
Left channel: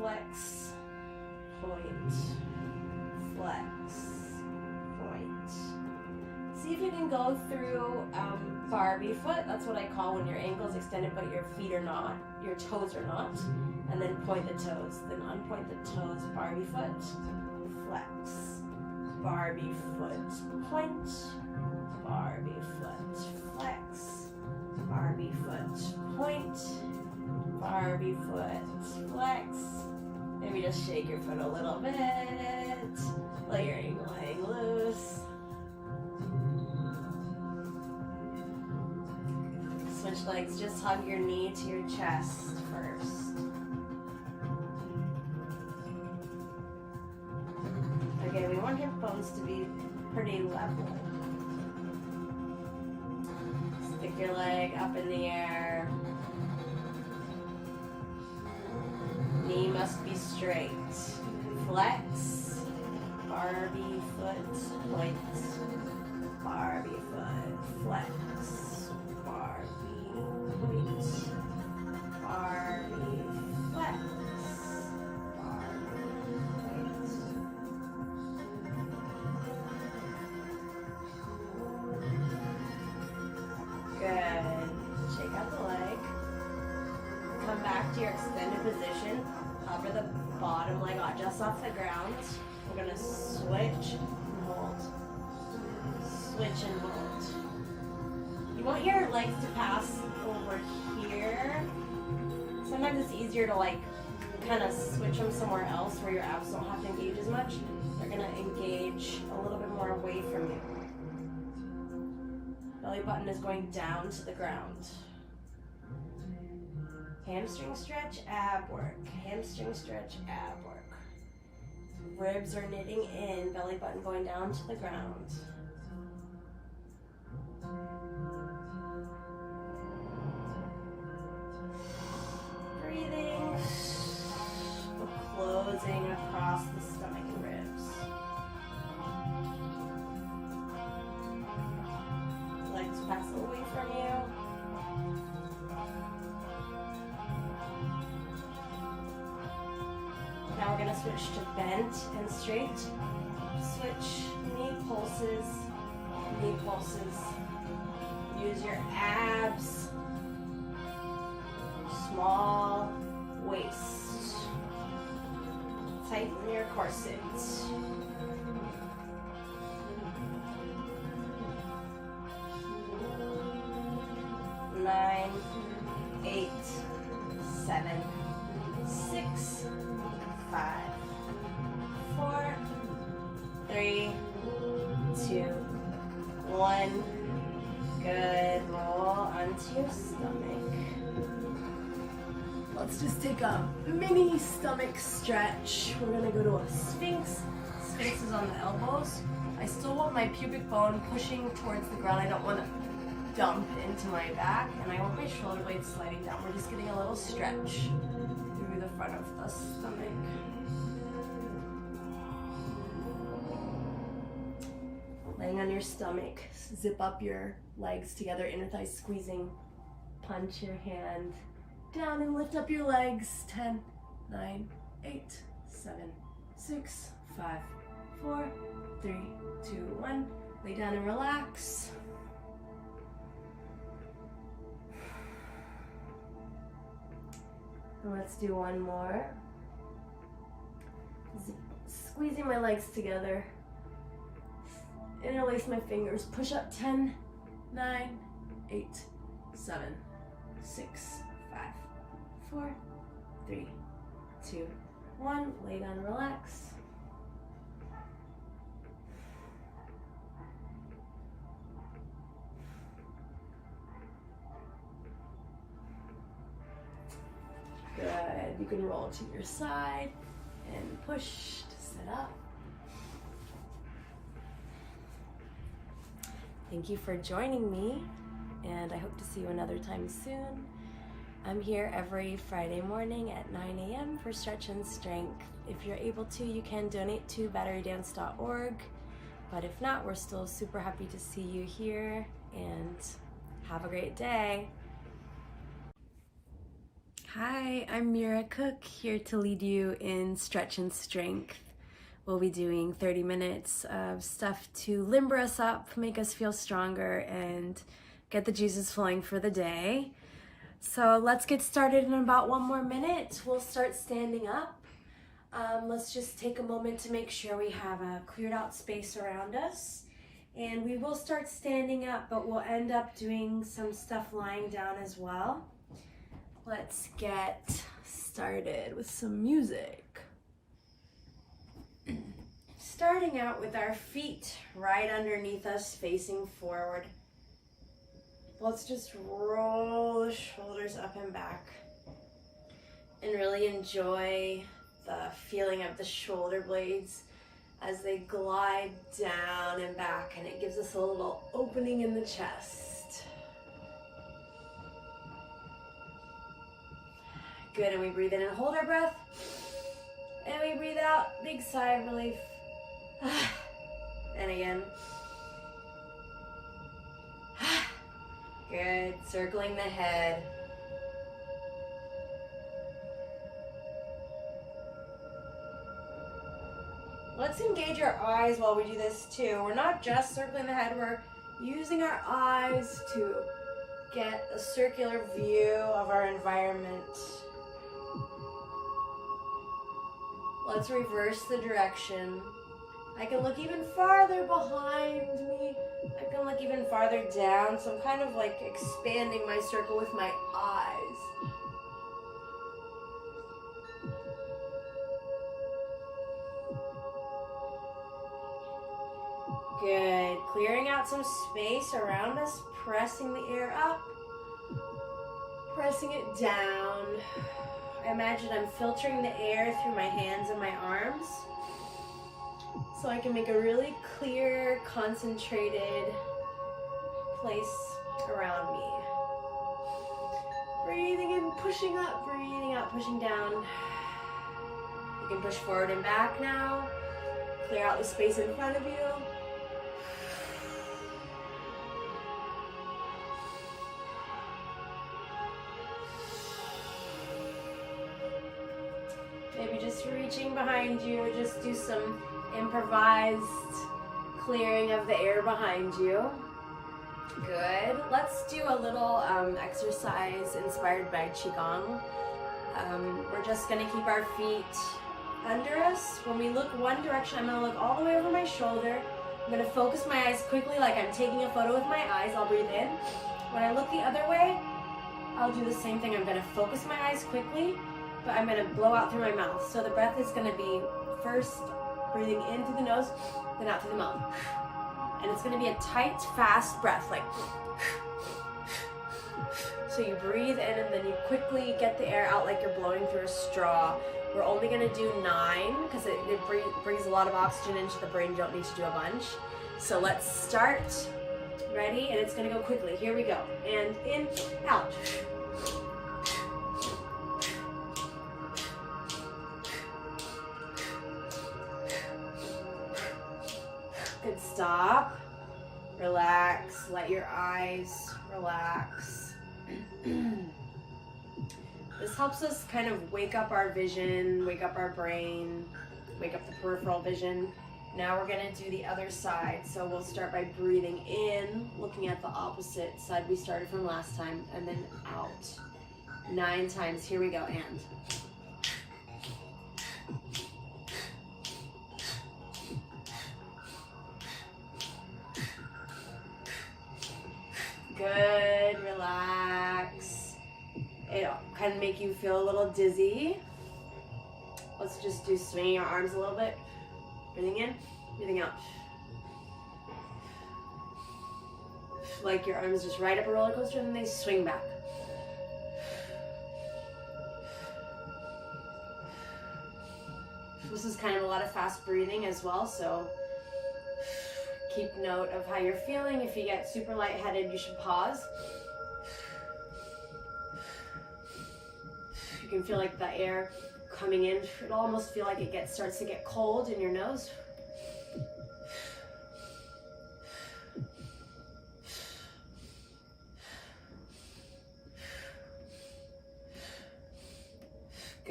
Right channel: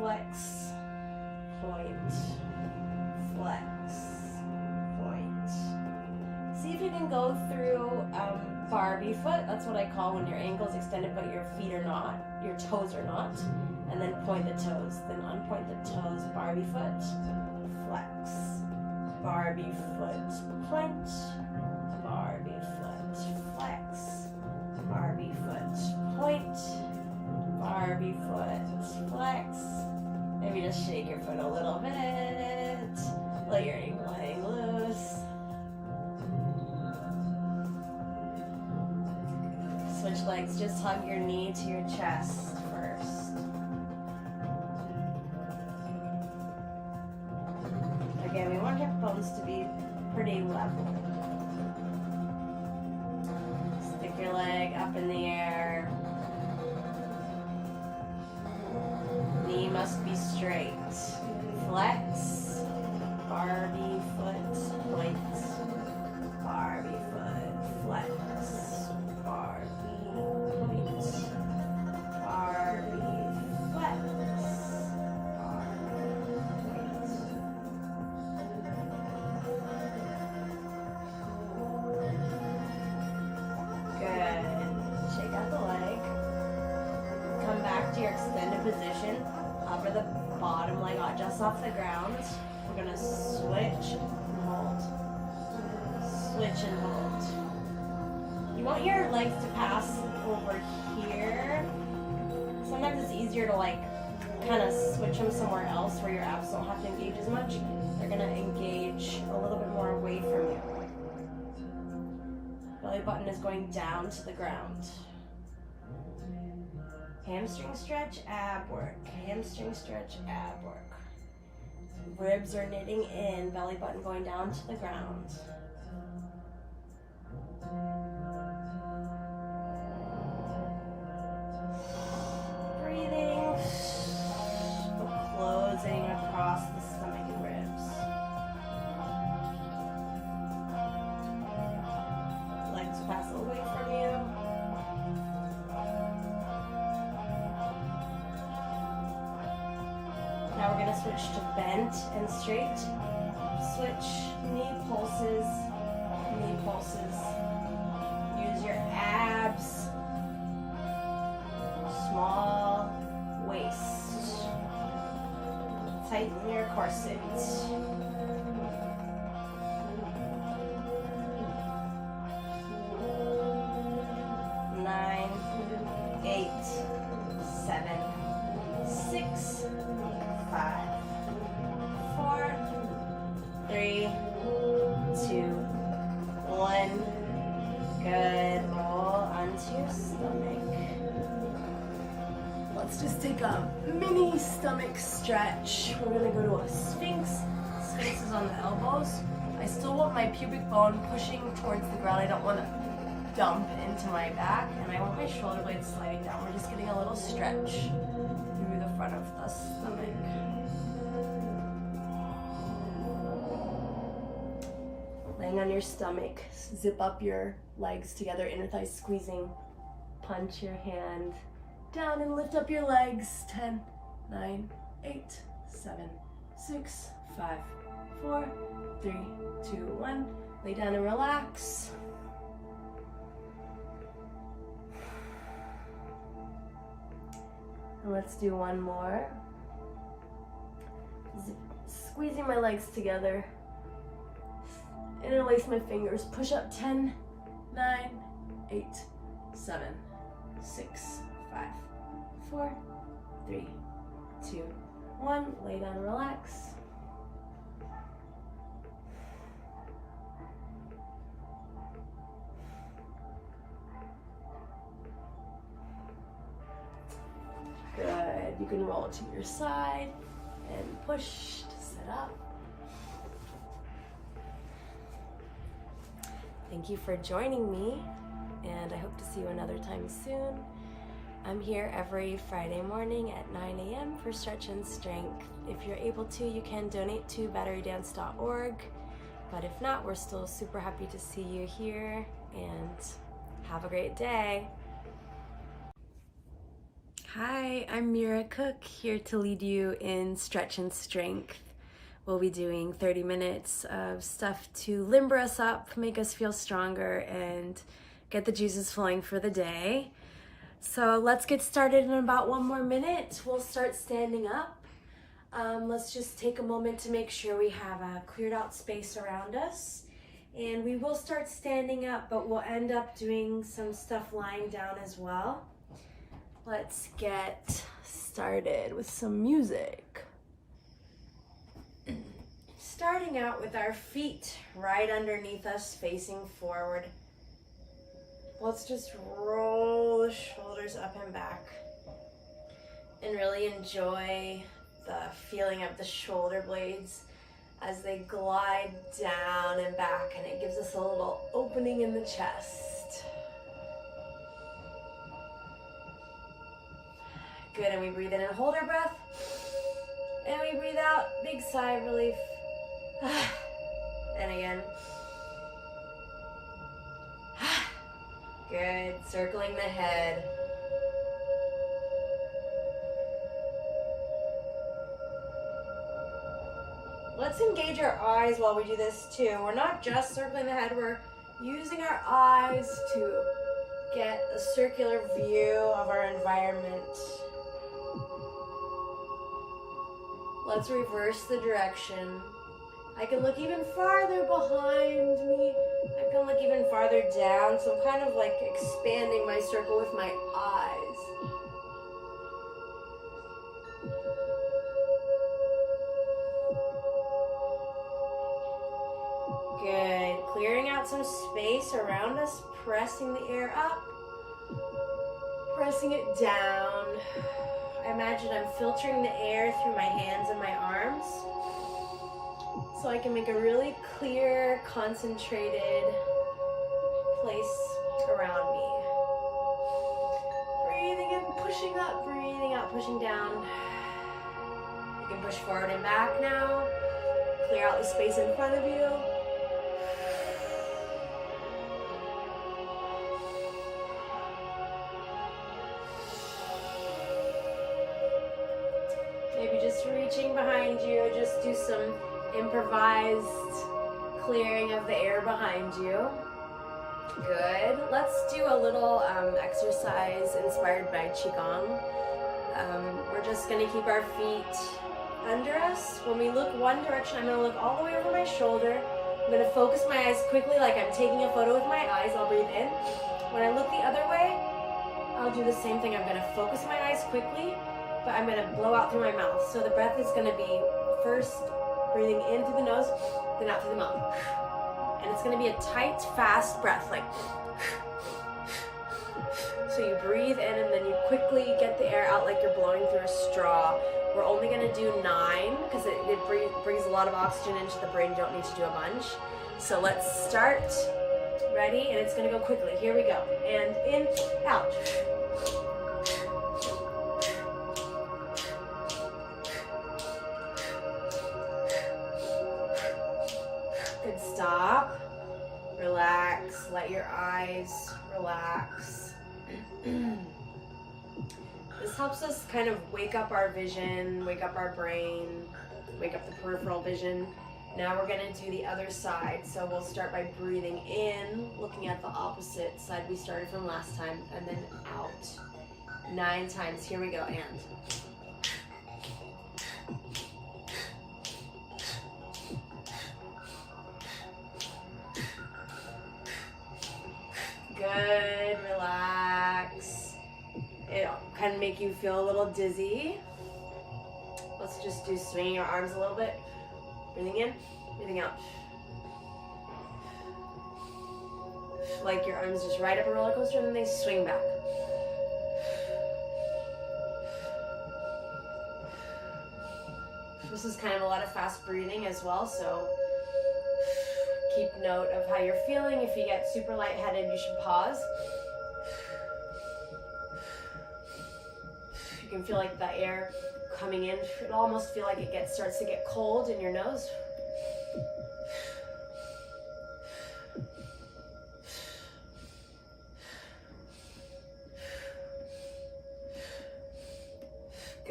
flex, point, flex, point. See if you can go through Barbie foot. That's what I call when your ankle's extended but your feet are not, your toes are not. And then point the toes, then unpoint the toes, Barbie foot, flex, Barbie foot, point, Barbie foot, flex, Barbie foot, point, Barbie foot, flex. Maybe just shake your foot a little bit, let your ankle hang loose. Switch legs, just hug your knee to your chest first. Again, we want hip bones to be pretty level. Stick your leg up in the air. Knee must be straight. Flex, Barbie foot, point, Barbie foot, flex, Barbie, point, Barbie, flex, Barbie, point. Good. Shake out the leg. Come back to your extended position. Hover the bottom leg just off the ground. We're gonna switch and hold. Switch and hold. You want your legs to pass over here. Sometimes it's easier to like kind of switch them somewhere else where your abs don't have to engage as much. They're gonna engage a little bit more away from you. Belly button is going down to the ground. Hamstring stretch, ab work. Hamstring stretch, ab work. Ribs are knitting in, belly button going down to the ground. Breathing, closing across the stomach and ribs. Legs pass away from you. Now we're going to switch to bent and straight. Switch, knee pulses, knee pulses. Use your abs. Small waist. Tighten your corset. 9, 8, 7, 6, 5, 4, 3, 2, 1. Good. Roll onto your stomach. Let's just take a mini stomach stretch. We're gonna go to a Sphinx. Sphinx is on the elbows. I still want my pubic bone pushing towards the ground. I don't want to dump into my back, and I want my shoulder blades sliding down. We're just getting a little stretch through the front of the stomach. Laying on your stomach, zip up your legs together, inner thighs squeezing. Punch your hand down and lift up your legs. 10, 9, 8, 7, 6, 5, 4, 3, 2, 1. Lay down and relax. And let's do one more. Squeezing my legs together. Interlace my fingers. Push up. 10, 9, 8, 7, 6, 5, 4, 3, 2, 1. Lay down and relax. Good. You can roll to your side and push to sit up. Thank you for joining me, and I hope to see you another time soon. I'm here every Friday morning at 9 a.m. for Stretch and Strength. If you're able to, you can donate to batterydance.org, but if not, we're still super happy to see you here, and have a great day. Hi, I'm Mira Cook, here to lead you in stretch and strength. We'll be doing 30 minutes of stuff to limber us up, make us feel stronger, and get the juices flowing for the day. So let's get started in about 1 more minute. We'll start standing up. Let's just take a moment to make sure we have a cleared out space around us. And we will start standing up, but we'll end up doing some stuff lying down as well. Let's get started with some music. Starting out with our feet right underneath us, facing forward. Let's just roll the shoulders up and back and really enjoy the feeling of the shoulder blades as they glide down and back, and it gives us a little opening in the chest. Good, and we breathe in and hold our breath. And we breathe out, big sigh of relief. And again. Good, circling the head. Let's engage our eyes while we do this too. We're not just circling the head, we're using our eyes to get a circular view of our environment. Let's reverse the direction. I can look even farther behind me. I can look even farther down. So I'm kind of like expanding my circle with my eyes. Good. Clearing out some space around us, pressing the air up, pressing it down. I imagine I'm filtering the air through my hands and my arms so I can make a really clear, concentrated place around me. Breathing in, pushing up, breathing out, pushing down. You can push forward and back now. Clear out the space in front of you. Maybe just reaching behind you, just do some improvised clearing of the air behind you. Good. Let's do a little exercise inspired by Qigong. We're just going to keep our feet under us. When we look one direction, I'm going to look all the way over my shoulder. I'm going to focus my eyes quickly like I'm taking a photo with my eyes. I'll breathe in. When I look the other way, I'll do the same thing. I'm going to focus my eyes quickly, but I'm going to blow out through my mouth. So the breath is going to be first breathing in through the nose, then out through the mouth. And it's going to be a tight, fast breath, like. So you breathe in and then you quickly get the air out like you're blowing through a straw. We're only going to do 9 because it brings a lot of oxygen into the brain. You don't need to do a bunch. So let's start. Ready? And it's going to go quickly. Here we go. And in, out. Good, stop, relax, let your eyes relax. This helps us kind of wake up our vision, wake up our brain, wake up the peripheral vision. Now we're gonna do the other side. So we'll start by breathing in, looking at the opposite side we started from last time, and then out. 9 times, here we go, and. Good, relax. It can make you feel a little dizzy. Let's just do swinging your arms a little bit. Breathing in, breathing out. Like your arms just ride up a roller coaster and then they swing back. This is kind of a lot of fast breathing as well, so keep note of how you're feeling. If you get super lightheaded, you should pause. You can feel like the air coming in. It'll almost feel like it starts to get cold in your nose.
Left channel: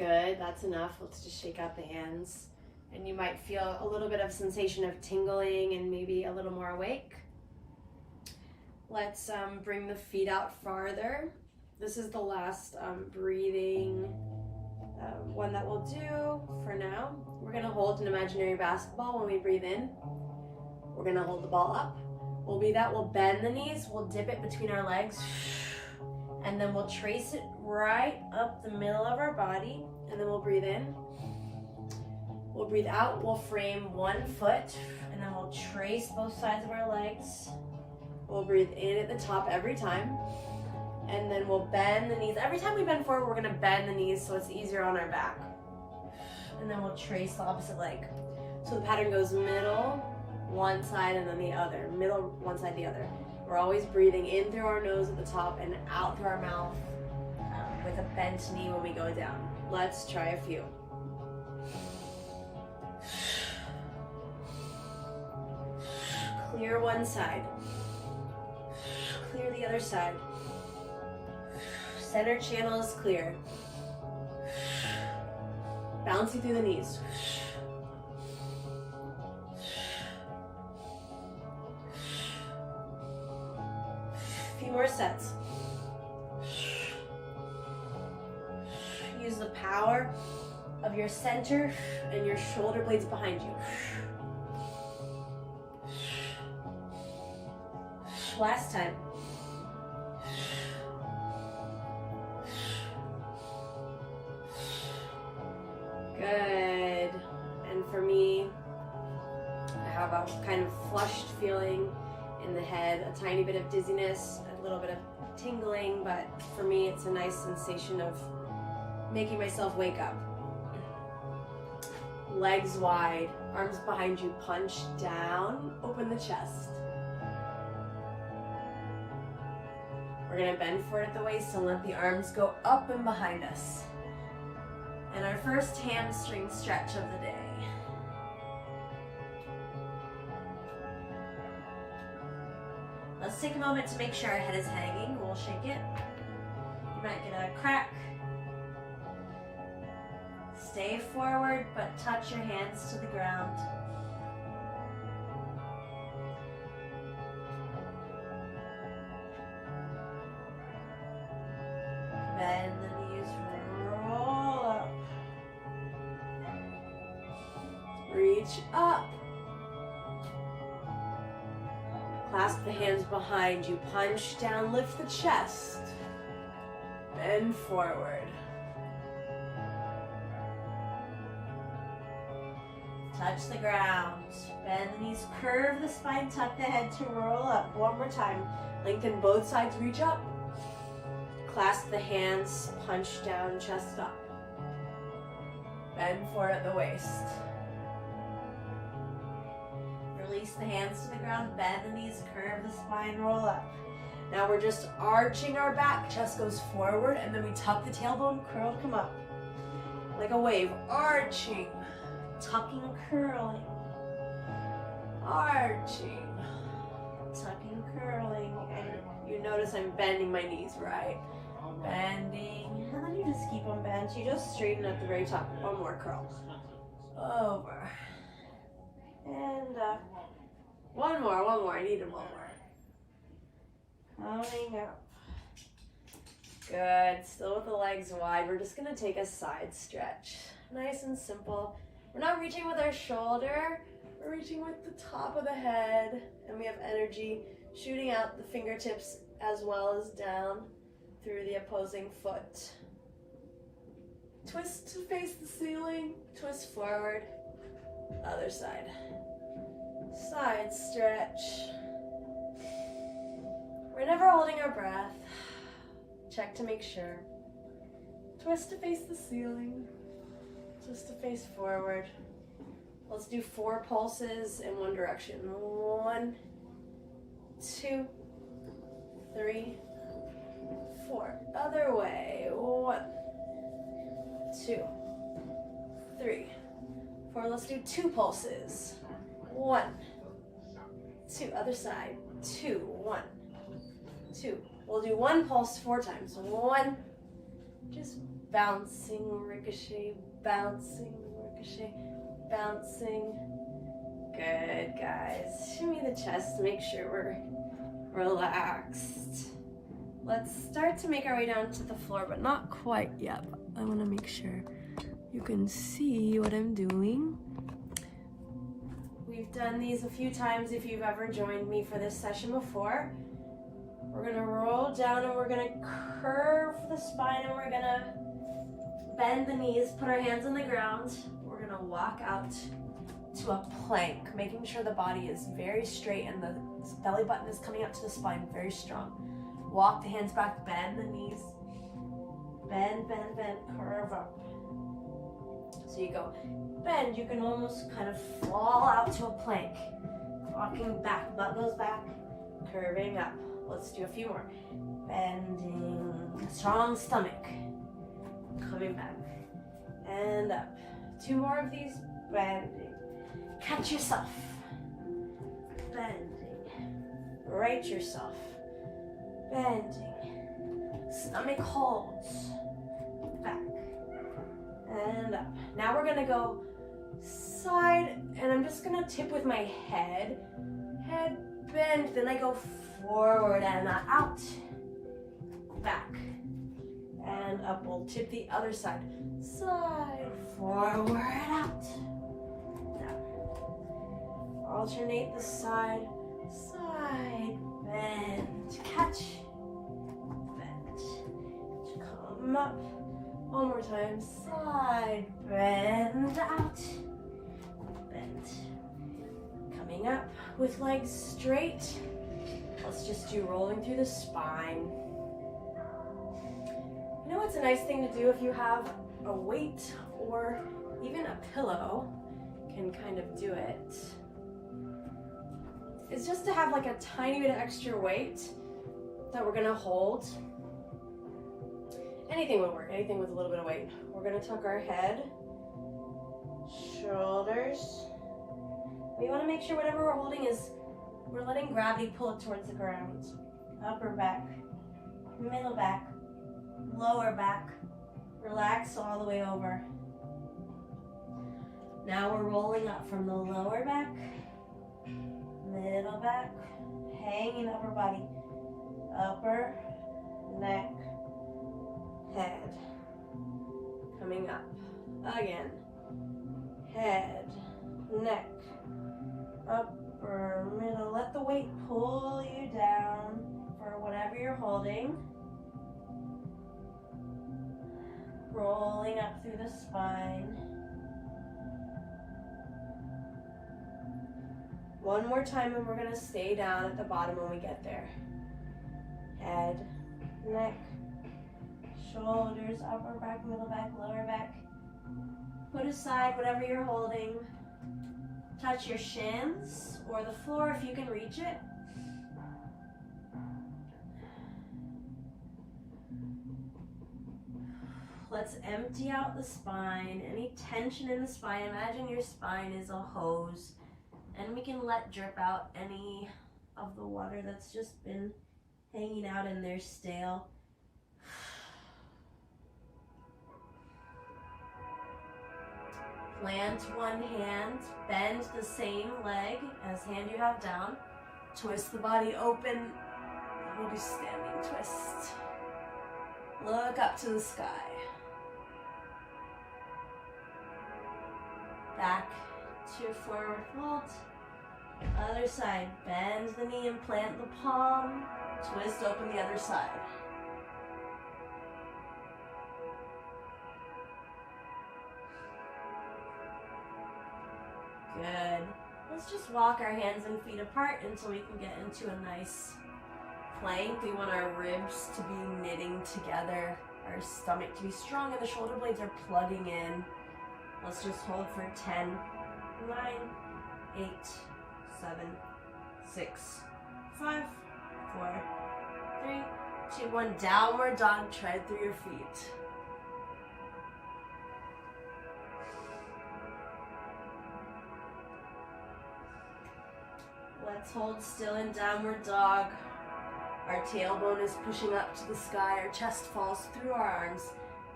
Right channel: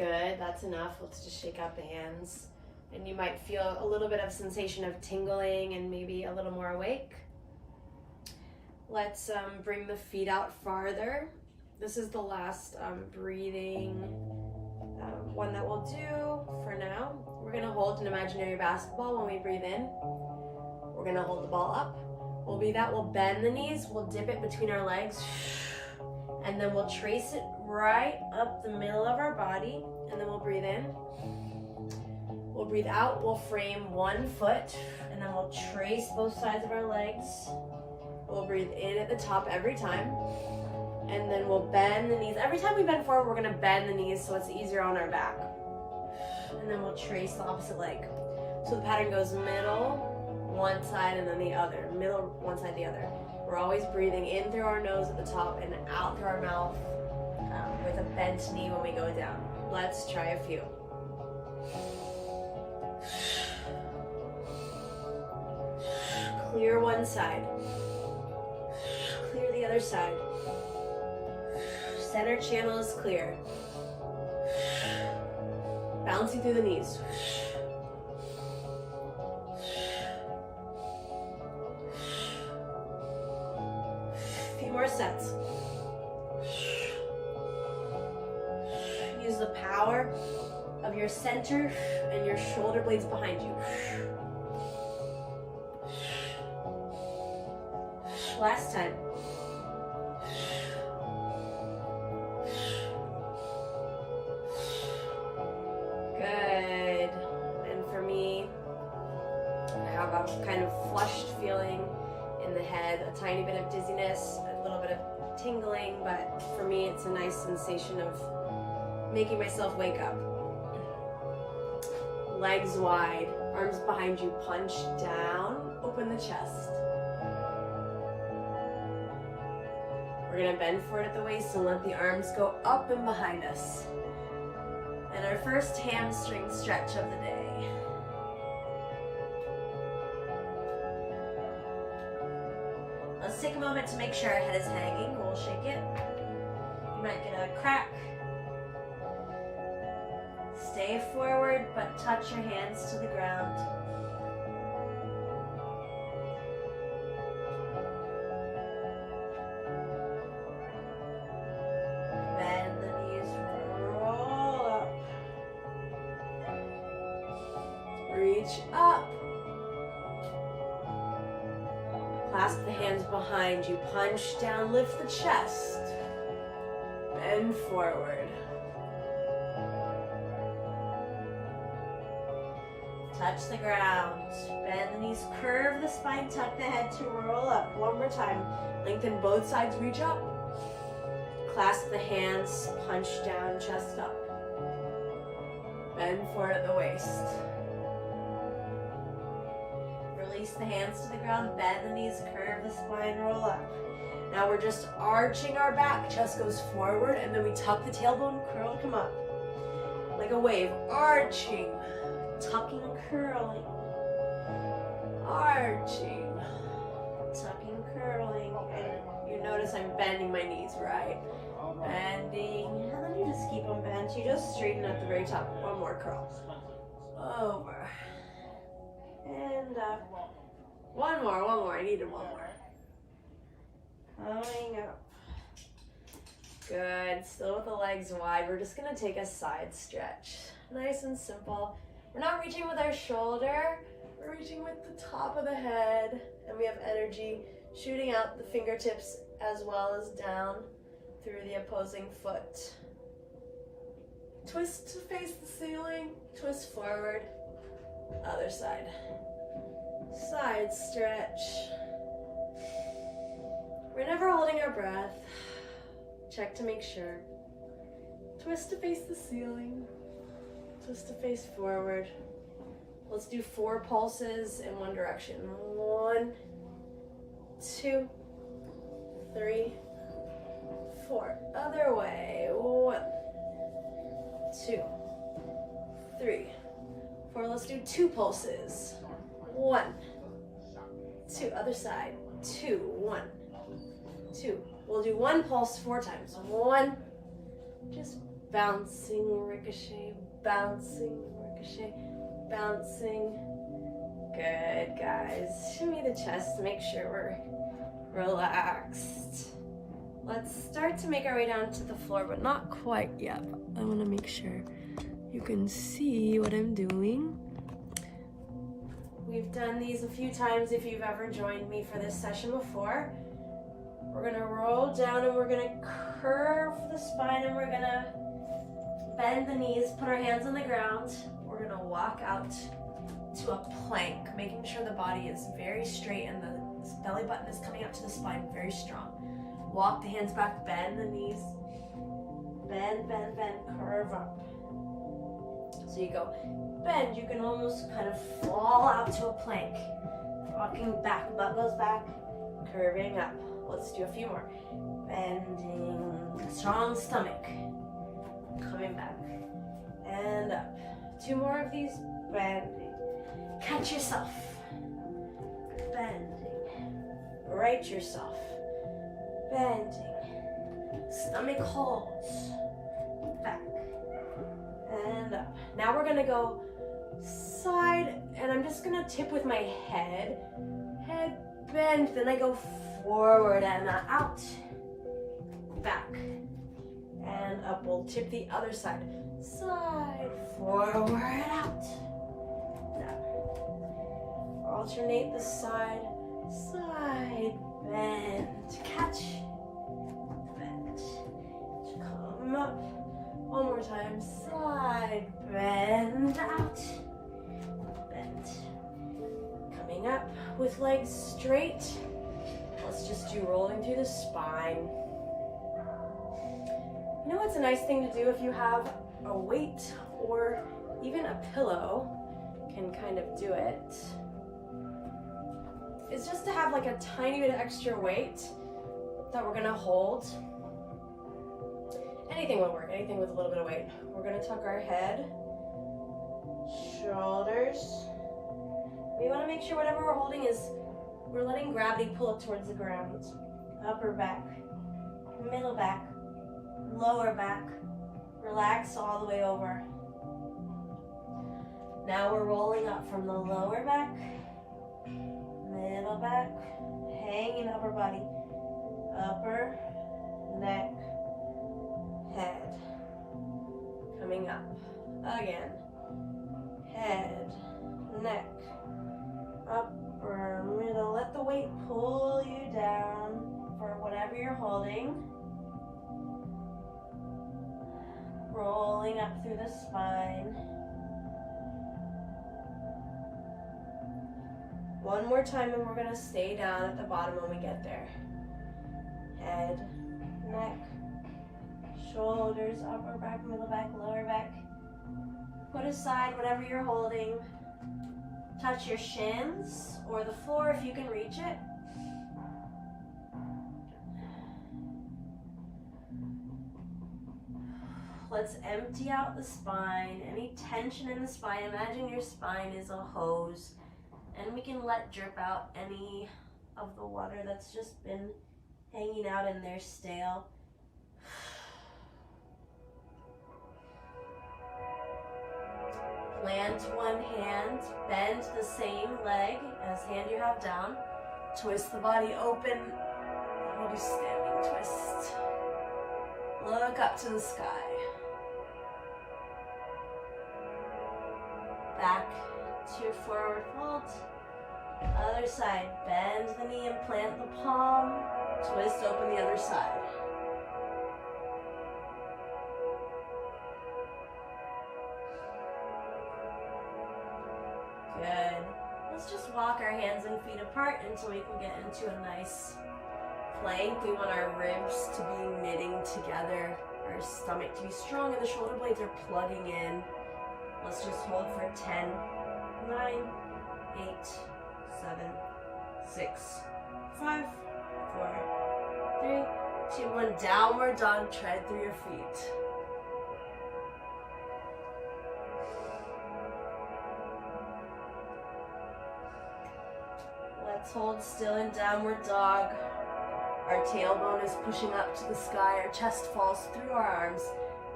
Good, that's enough. Let's just shake out the hands. And you might feel a little bit of sensation of tingling and maybe a little more awake. Let's bring the feet out farther. This is the last breathing one that we'll do for now. We're gonna hold an imaginary basketball when we breathe in. We're gonna hold the ball up. We'll breathe out, we'll bend the knees, we'll dip it between our legs, and then we'll trace it right up the middle of our body, and then we'll breathe in. We'll breathe out, we'll frame one foot, and then we'll trace both sides of our legs. We'll breathe in at the top every time, and then we'll bend the knees. Every time we bend forward, we're gonna bend the knees so it's easier on our back. And then we'll trace the opposite leg. So the pattern goes middle, one side, and then the other. Middle, one side, the other. We're always breathing in through our nose at the top and out through our mouth with a bent knee when we go down. Let's try a few. Clear one side. Clear the other side. Center channel is clear. Bouncing through the knees. A few more sets. Use the power of your center and your shoulder blades behind you. Last time. Good. And for me, I have a kind of flushed feeling in the head, a tiny bit of dizziness, a little bit of tingling, but for me it's a nice sensation of making myself wake up. Legs wide, arms behind you, punch down, open the chest. We're gonna bend forward at the waist and let the arms go up and behind us. And our first hamstring stretch of the day. Let's take a moment to make sure our head is hanging. We'll shake it. You might get a crack. Stay forward, but touch your hands to the ground. Bend the knees, roll up. Reach up. Clasp the hands behind you, punch down, lift the chest. Bend forward. Touch the ground. Bend the knees, curve the spine, tuck the head to roll up. One more time. Lengthen both sides, reach up. Clasp the hands, punch down, chest up. Bend forward at the waist. Release the hands to the ground, bend the knees, curve the spine, roll up. Now we're just arching our back, chest goes forward, and then we tuck the tailbone, curl, come up. Like a wave, arching, tucking, curling, arching, tucking, curling, and you notice I'm bending my knees, right? Bending, and then you just keep them bent. You just straighten at the very top. One more curl. Over. And up. One more. I needed one more. Coming up. Good. Still with the legs wide. We're just going to take a side stretch. Nice and simple. We're not reaching with our shoulder. We're reaching with the top of the head. And we have energy shooting out the fingertips as well as down through the opposing foot. Twist to face the ceiling. Twist forward. Other side. Side stretch. We're never holding our breath. Check to make sure. Twist to face the ceiling. Twist to face forward. Let's do 4 pulses in one direction. 1, 2, 3, 4. Other way. 1, 2, 3, 4. Let's do 2 pulses. 1, 2. Other side. 2, 1, 2. We'll do 1 pulse 4 times. 1. Just bouncing, ricochet, bouncing, ricochet, bouncing. Good, guys. Shimmy the chest, make sure we're relaxed. Let's start to make our way down to the floor, but not quite yet. I want to make sure you can see what I'm doing. We've done these a few times if you've ever joined me for this session before. We're gonna roll down and we're gonna curve the spine and we're gonna bend the knees, put our hands on the ground. We're gonna walk out to a plank, making sure the body is very straight and the belly button is coming out to the spine very strong. Walk the hands back, bend the knees, bend, bend, bend, curve up. So you go bend, you can almost kind of fall out to a plank. Walking back, butt goes back, curving up. Let's do a few more. Bending, strong stomach. Coming back and up. 2 more of these, bending. Catch yourself. Bending. Right yourself. Bending. Stomach holds. Back and up. Now we're gonna go side, and I'm just gonna tip with my head. Head bend, then I go forward and out. Back and up. We'll tip the other side. Side, forward, out. Down. Alternate the side, side, bend, catch, bend. Come up. One more time. Side, bend, out, bend. Coming up with legs straight. Let's just do rolling through the spine. You know what's a nice thing to do if you have a weight or even a pillow, can kind of do it, is just to have like a tiny bit of extra weight that we're gonna hold. Anything will work, anything with a little bit of weight. We're gonna tuck our head, shoulders. We wanna make sure whatever we're holding is, we're letting gravity pull it towards the ground. Upper back, middle back, lower back. Relax all the way over. Now we're rolling up from the lower back, middle back, hanging upper body, upper, neck, head. Coming up again. Head, neck, upper, middle. Let the weight pull you down for whatever you're holding. Rolling up through the spine. One more time and we're gonna stay down at the bottom when we get there. Head, neck, shoulders, upper back, middle back, lower back. Put aside whatever you're holding. Touch your shins or the floor if you can reach it. Let's empty out the spine. Any tension in the spine, imagine your spine is a hose, and we can let drip out any of the water that's just been hanging out in there stale. Plant one hand, bend the same leg as hand you have down. Twist the body open. We'll do standing twist. Look up to the sky. Back to forward fold. Other side, bend the knee and plant the palm. Twist open the other side. Good. Let's just walk our hands and feet apart until we can get into a nice plank. We want our ribs to be knitting together, our stomach to be strong, and the shoulder blades are plugging in. Let's just hold for 10, 9, 8, 7, 6, 5, 4, 3, 2, 1. Downward dog, tread through your feet. Let's hold still in downward dog. Our tailbone is pushing up to the sky. Our chest falls through our arms.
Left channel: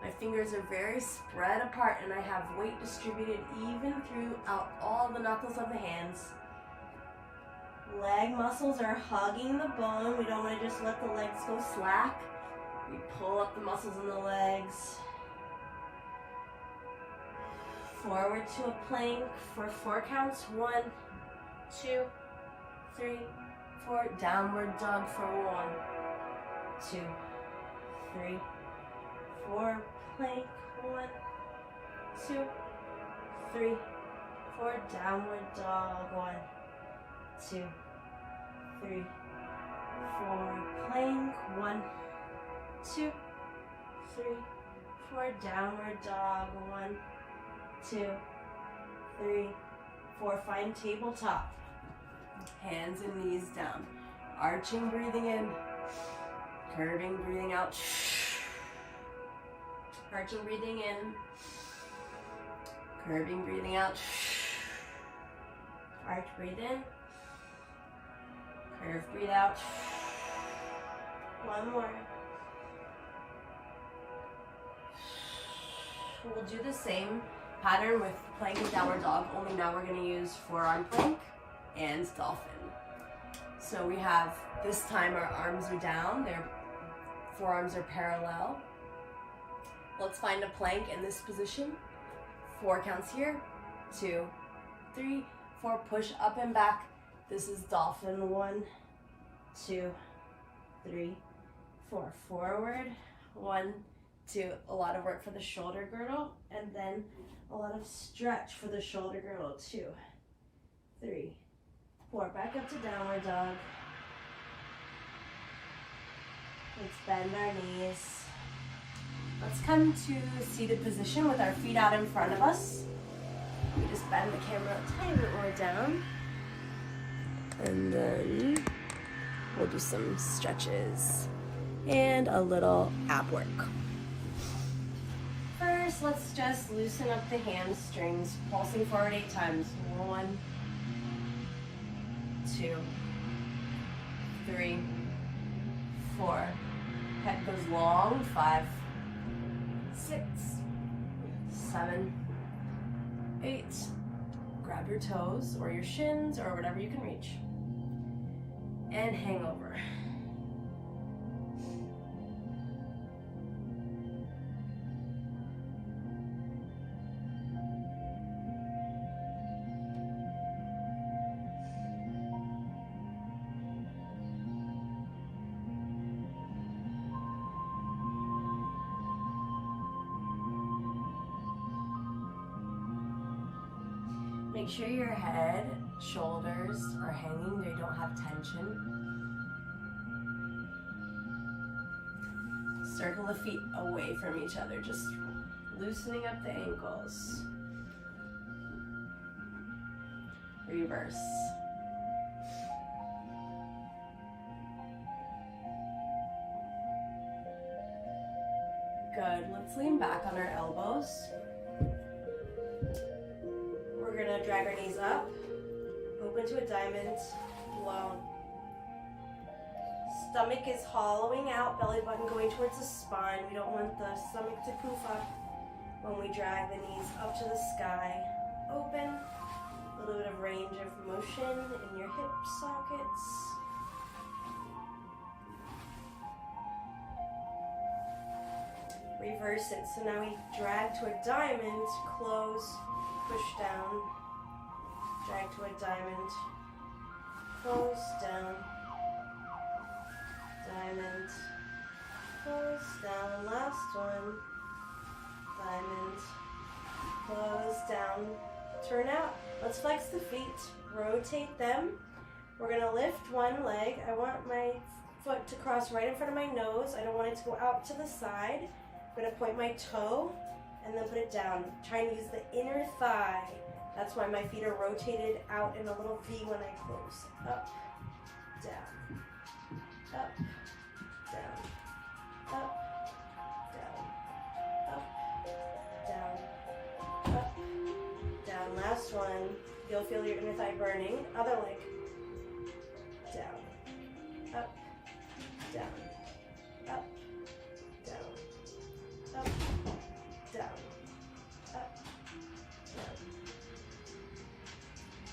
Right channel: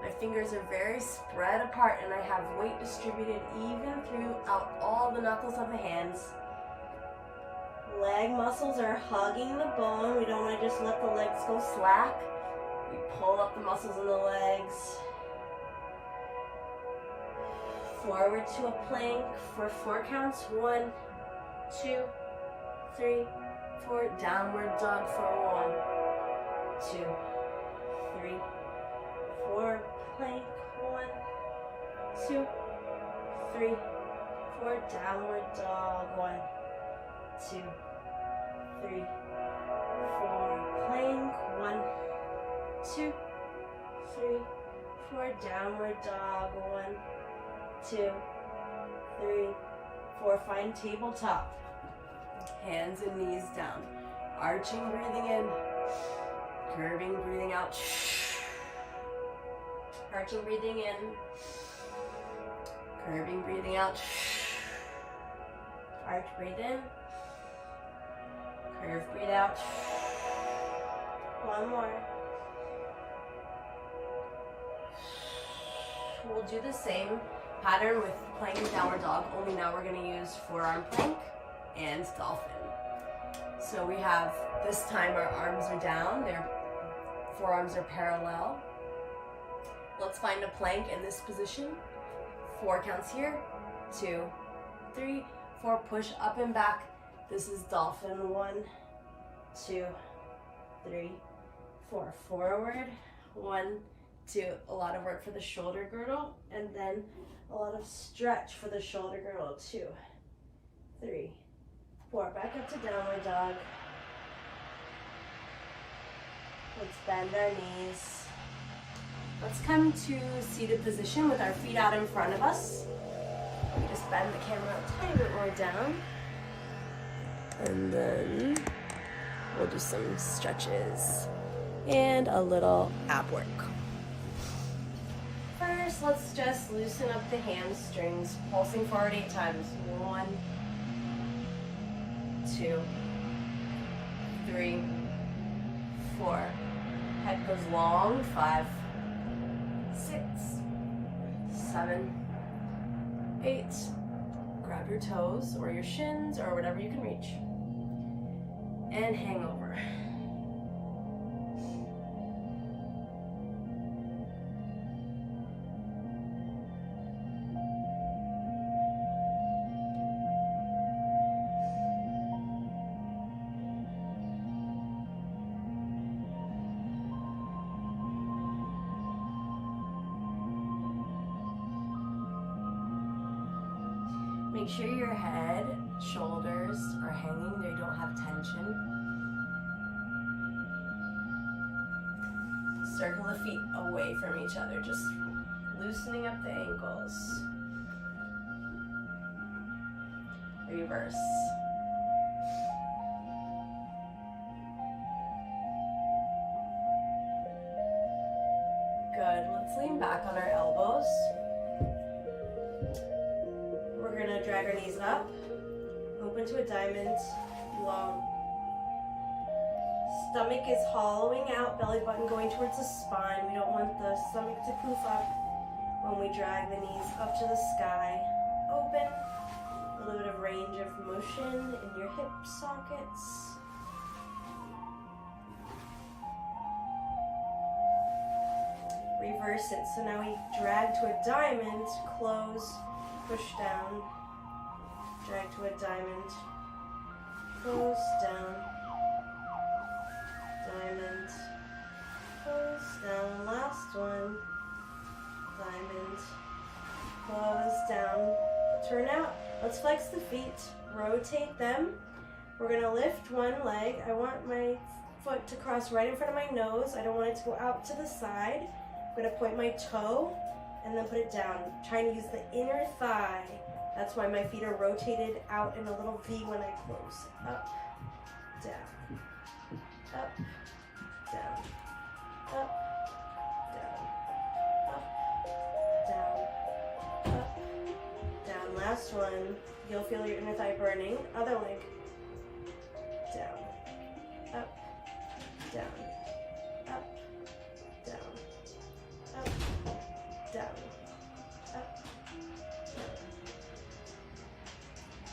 My fingers are very spread apart and I have weight distributed even throughout all the knuckles of the hands. Leg muscles are hugging the bone. We don't want to just let the legs go slack. We pull up the muscles in the legs. Forward to a plank for 4 counts. 1, 2, 3, 4. Downward dog for 1, 2, 3, 4. Plank. 1, 2, 3, 4. Downward dog. 1, 2, 3, 4. Plank. 1, 2, 3, 4. Downward dog. 1, 2, 3, 4. Find tabletop. Hands and knees down. Arching, breathing in. Curving, breathing out. Arching, breathing in. Curving, breathing out. Arch, breathe in. Curve, breathe out. One more. We'll do the same pattern with plank and downward dog, only now we're going to use forearm plank and dolphin. So we have, this time our arms are down, their forearms are parallel. Let's find a plank in this position. 4 counts here. 2, 3, 4. Push up and back. This is dolphin. 1, 2, 3, 4. Forward. 1, 2. A lot of work for the shoulder girdle, and then a lot of stretch for the shoulder girdle. 2, 3, 4. Back up to downward dog. Let's bend our knees. Let's come to seated position with our feet out in front of us. We just bend the camera a tiny bit more down. And then we'll do some stretches and a little ab work. First, let's just loosen up the hamstrings, pulsing forward 8 times. 1, 2, 3, 4. Head goes long. 5, 6, 7, 8. Grab your toes or your shins or whatever you can reach. And hang over. Make sure your head, shoulders are hanging, they don't have tension. Circle the feet away from each other, just loosening up the ankles. Reverse. Good, let's lean back on our elbows. We're gonna drag our knees up, open to a diamond, long. Stomach is hollowing out, belly button going towards the spine. We don't want the stomach to poof up when we drag the knees up to the sky. Open, a little bit of range of motion in your hip sockets. Reverse it, so now we drag to a diamond, close, push down, drag to a diamond, close, down, diamond, close, down, last one, diamond, close, down, turn out. Let's flex the feet, rotate them. We're gonna lift one leg. I want my foot to cross right in front of my nose. I don't want it to go out to the side. I'm gonna point my toe and then put it down. Trying to use the inner thigh. That's why my feet are rotated out in a little V when I close. Up, down, up, down, up, down, up, down, up, down. Last one. You'll feel your inner thigh burning. Other leg. Down, up, down, up, down, up,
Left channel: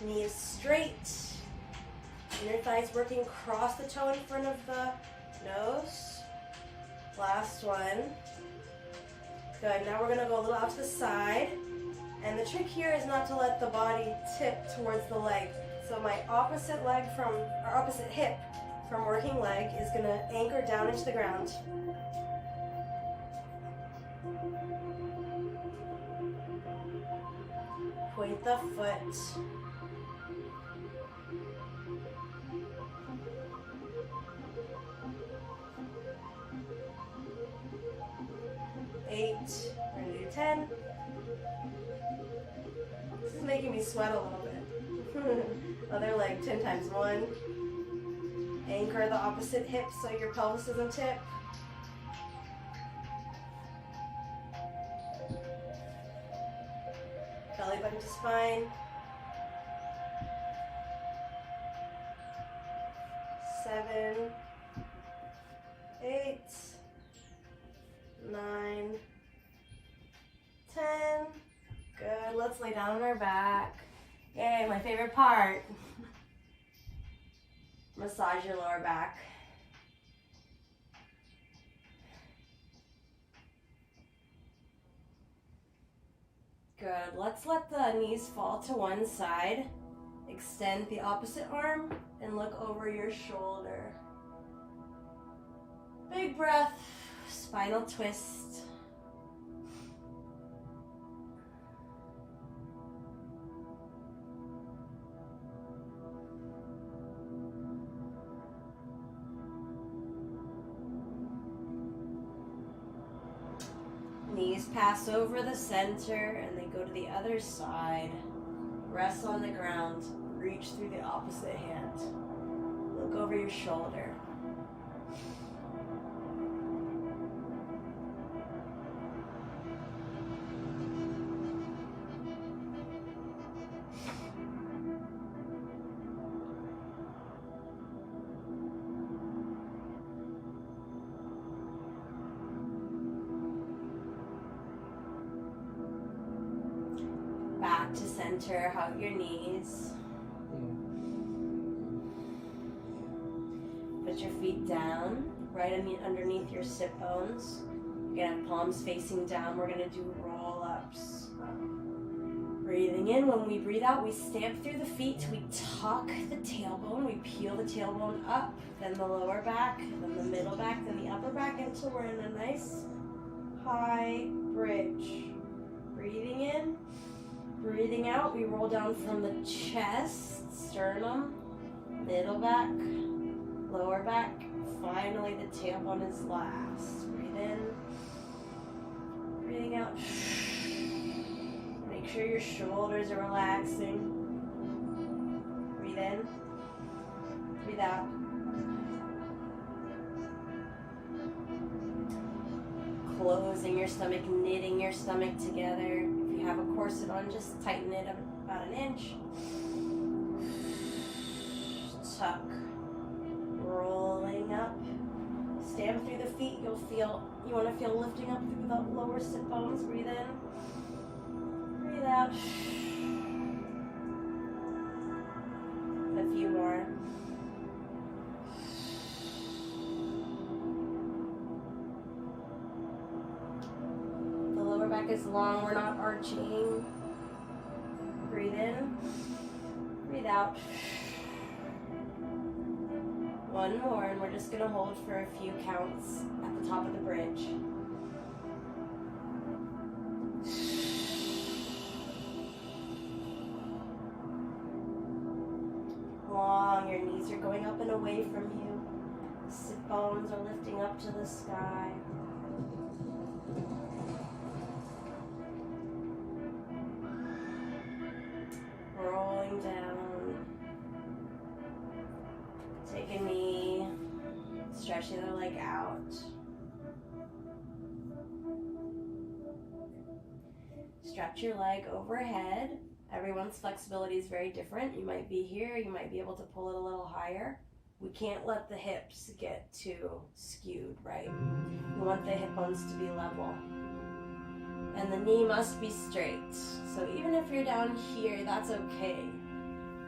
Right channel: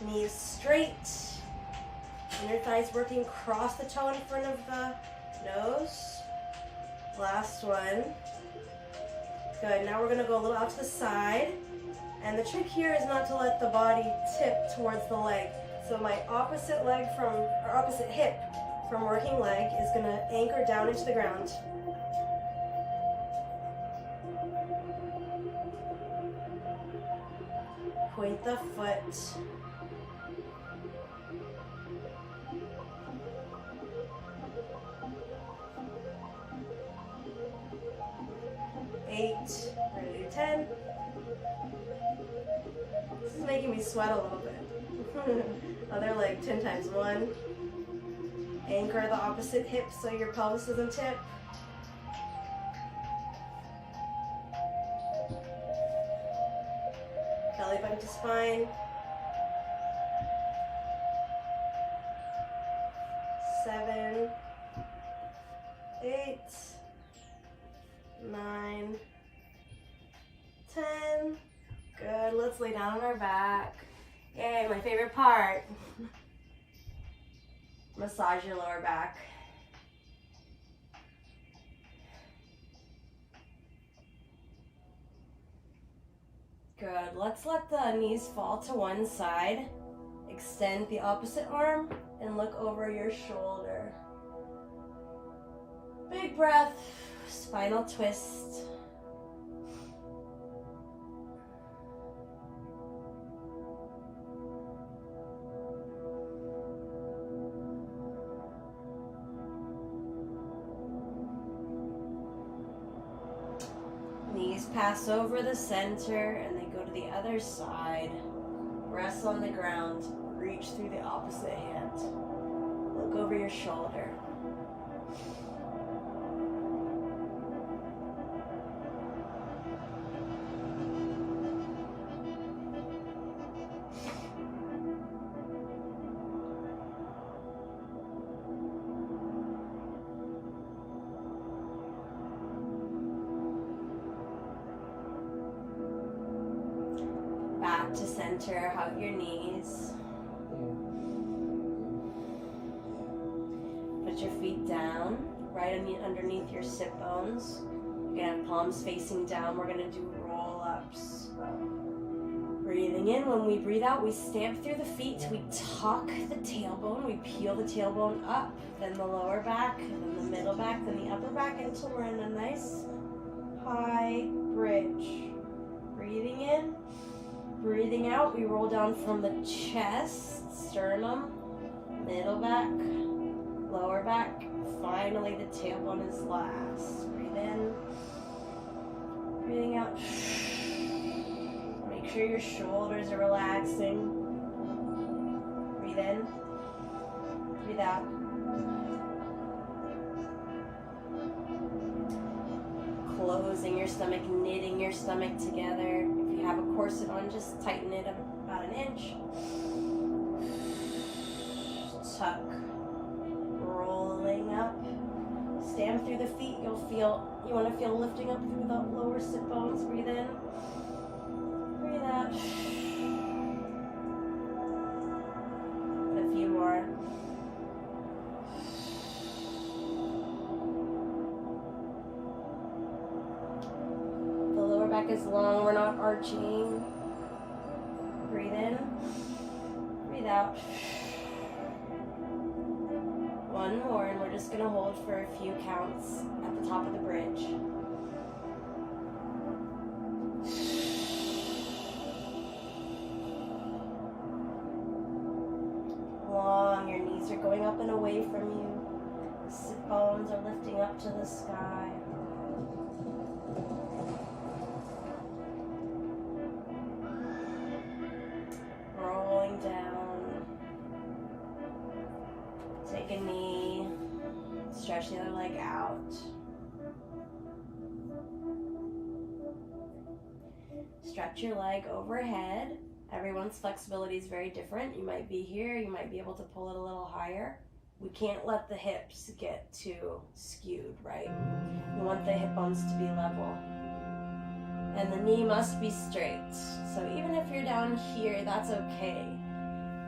Knees straight. Inner thighs working across the toe in front of the nose. Last one. Good. Now we're going to go a little out to the side. And the trick here is not to let the body tip towards the leg. So my opposite hip from working leg is going to anchor down into the ground. Point the foot. Eight. We're going to do 10. This is making me sweat a little bit. Other leg, 10 times. 1. Anchor the opposite hip so your pelvis doesn't tip. Belly button to spine. 7, 8, 9, 10. Good. Let's lay down on our back. Yay, my favorite part. Massage your lower back. Good. Let's let the knees fall to one side. Extend the opposite arm and look over your shoulder. Big breath. Spinal twist. Knees pass over the center and they go to the other side. Rest on the ground. Reach through the opposite hand. Look over your shoulder. Back to center, hug your knees. Put your feet down, right underneath your sit bones. You're gonna have palms facing down. We're gonna do roll-ups. Breathing in, when we breathe out, we stamp through the feet, we tuck the tailbone, we peel the tailbone up, then the lower back, then the middle back, then the upper back until we're in a nice high bridge. Breathing in. Breathing out, we roll down from the chest, sternum, middle back, lower back. Finally, the tailbone is last. Breathe in. Breathing out. Make sure your shoulders are relaxing. Breathe in. Breathe out. Closing your stomach, knitting your stomach together. Have a corset on, just tighten it up about an inch. Tuck. Rolling up. Stamp through the feet. You want to feel lifting up through the lower sit bones. Breathe in. Breathe out. And a few more. Back is long, we're not arching. Breathe in, breathe out. One more, and we're just gonna hold for a few counts at the top of the bridge. Long, your knees are going up and away from you. Sit bones are lifting up to the sky. Down. Take a knee. Stretch the other leg out. Stretch your leg overhead. Everyone's flexibility is very different. You might be here. You might be able to pull it a little higher. We can't let the hips get too skewed, right? We want the hip bones to be level. And the knee must be straight. So even if you're down here, that's okay.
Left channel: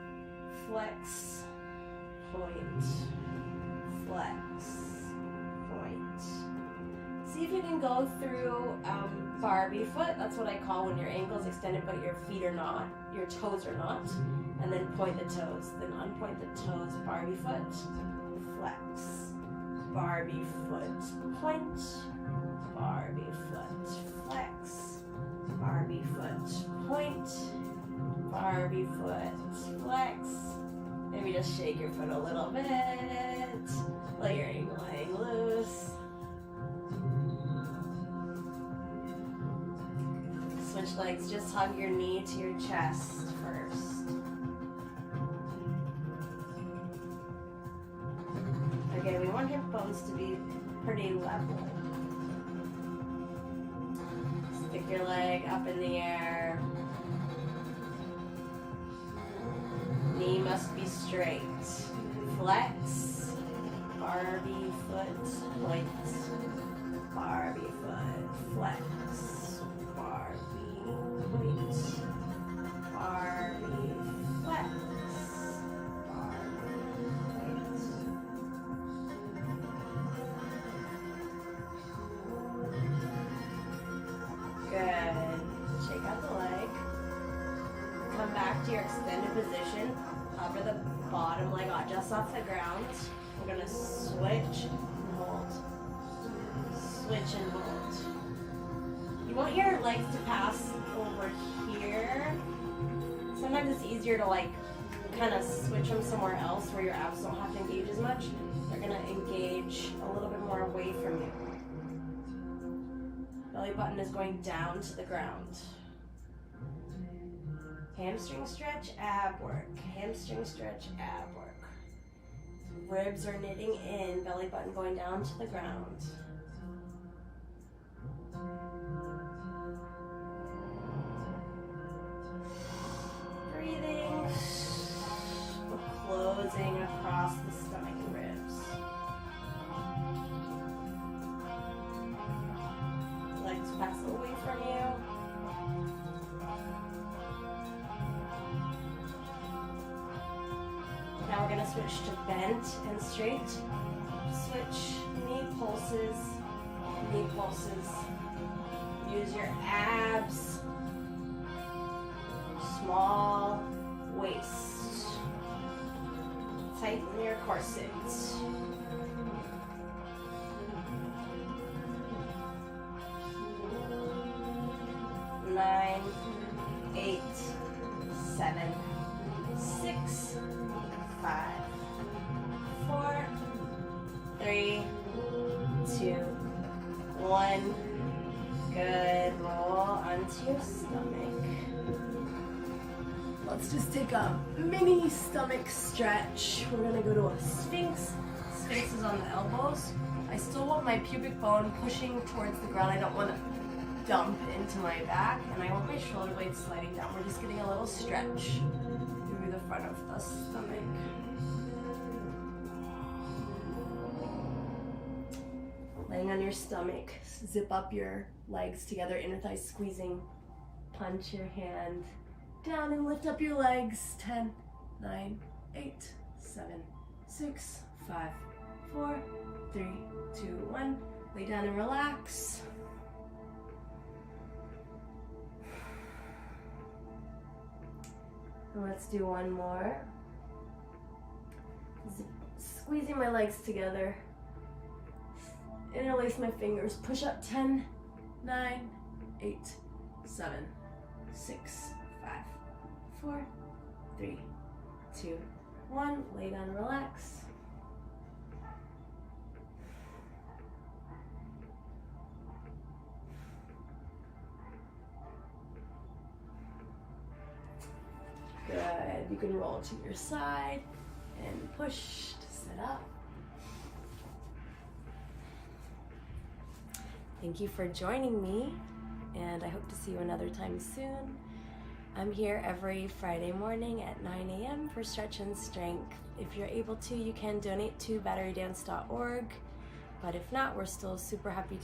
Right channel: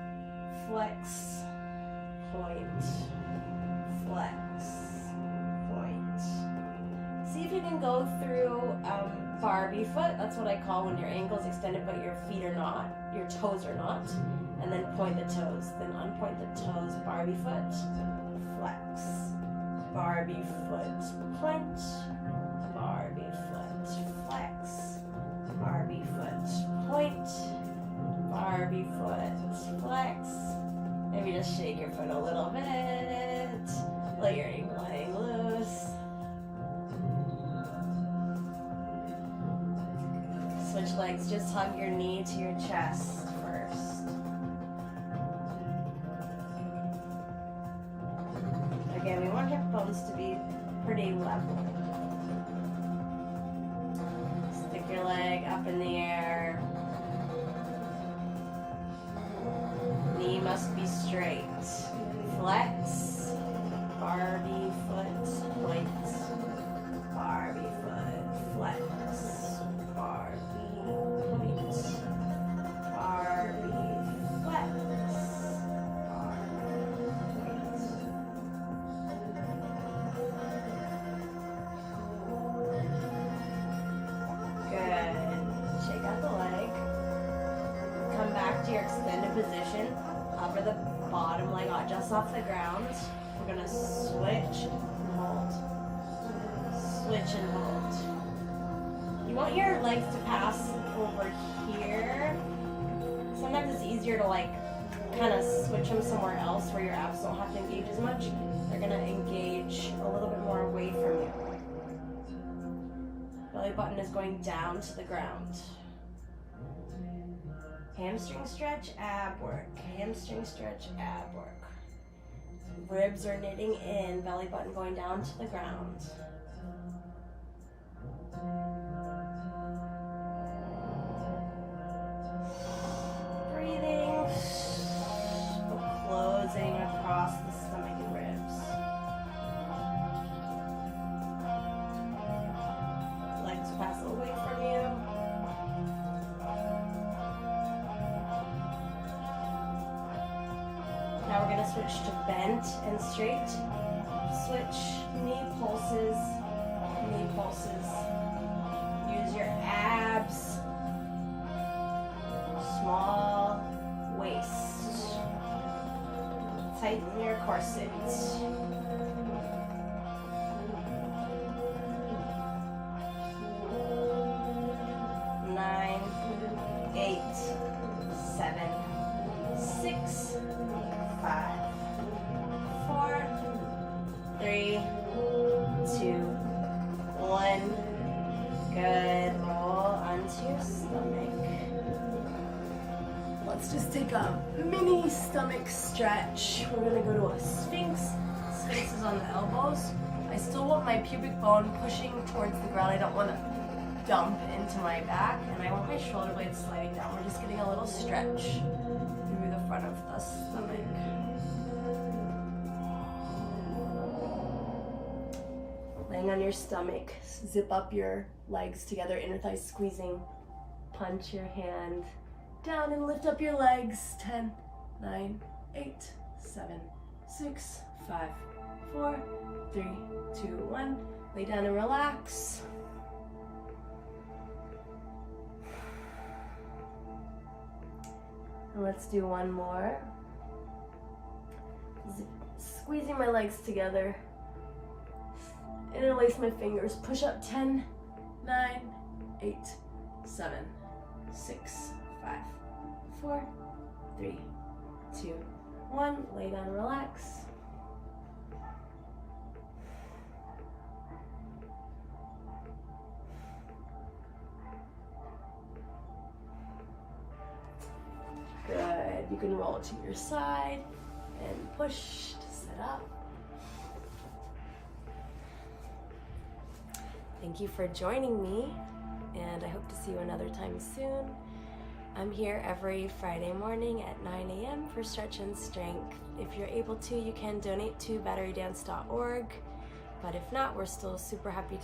flex, point, flex, point. See if you can go through Barbie foot. That's what I call when your ankle's extended but your feet are not, your toes are not. And then point the toes, then unpoint the toes, Barbie foot, flex, Barbie foot, point, Barbie foot, flex, Barbie foot, point, Barbie foot, flex. Maybe just shake your foot a little bit, let your ankle hang loose. Switch legs, just hug your knee to your chest first. Okay, we want hip bones to be pretty level. Stick your leg up in the air. Knee must be straight. Flex, Barbie foot, point, Barbie foot, flex, Barbie, point, Barbie, flex, Barbie, point. Good. Shake out the leg. Come back to your extended position. Hover the bottom leg just off the ground. We're gonna switch and hold. Switch and hold. You want your legs to pass over here. Sometimes it's easier to like kind of switch them somewhere else where your abs don't have to engage as much. They're gonna engage a little bit more away from you. Belly button is going down to the ground. Hamstring stretch, ab work. Hamstring stretch, ab work. Ribs are knitting in, belly button going down to the ground. Breathing, closing across the stomach and ribs. Legs pass away from you. Now we're going to switch to bent and straight. Switch, knee pulses, knee pulses. Use your abs. Small waist. Tighten your corset. Nine, 8, 7, 6, 5, 4, 3, 2, 1. Good. Roll onto your stomach. Let's just take a mini stomach stretch. We're gonna go to a Sphinx. Sphinx is on the elbows. I still want my pubic bone pushing towards the ground. I don't want to dump into my back, and I want my shoulder blades sliding down. We're just getting a little stretch through the front of the stomach. Laying on your stomach, zip up your legs together, inner thighs squeezing. Punch your hand down and lift up your legs. 10, 9, 8, 7, 6, 5, 4, 3, 2, 1. Lay down and relax. And let's do one more. Squeezing my legs together. Interlace my fingers. Push up. 10, 9, 8, 7, 6, 5, 4, 3, 2, 1. Lay down and relax. Good. You can roll to your side and push to sit up. Thank you for joining me, and I hope to see you another time soon. I'm here every Friday morning at 9 a.m. for Stretch and Strength. If you're able to, you can donate to batterydance.org, but if not, we're still super happy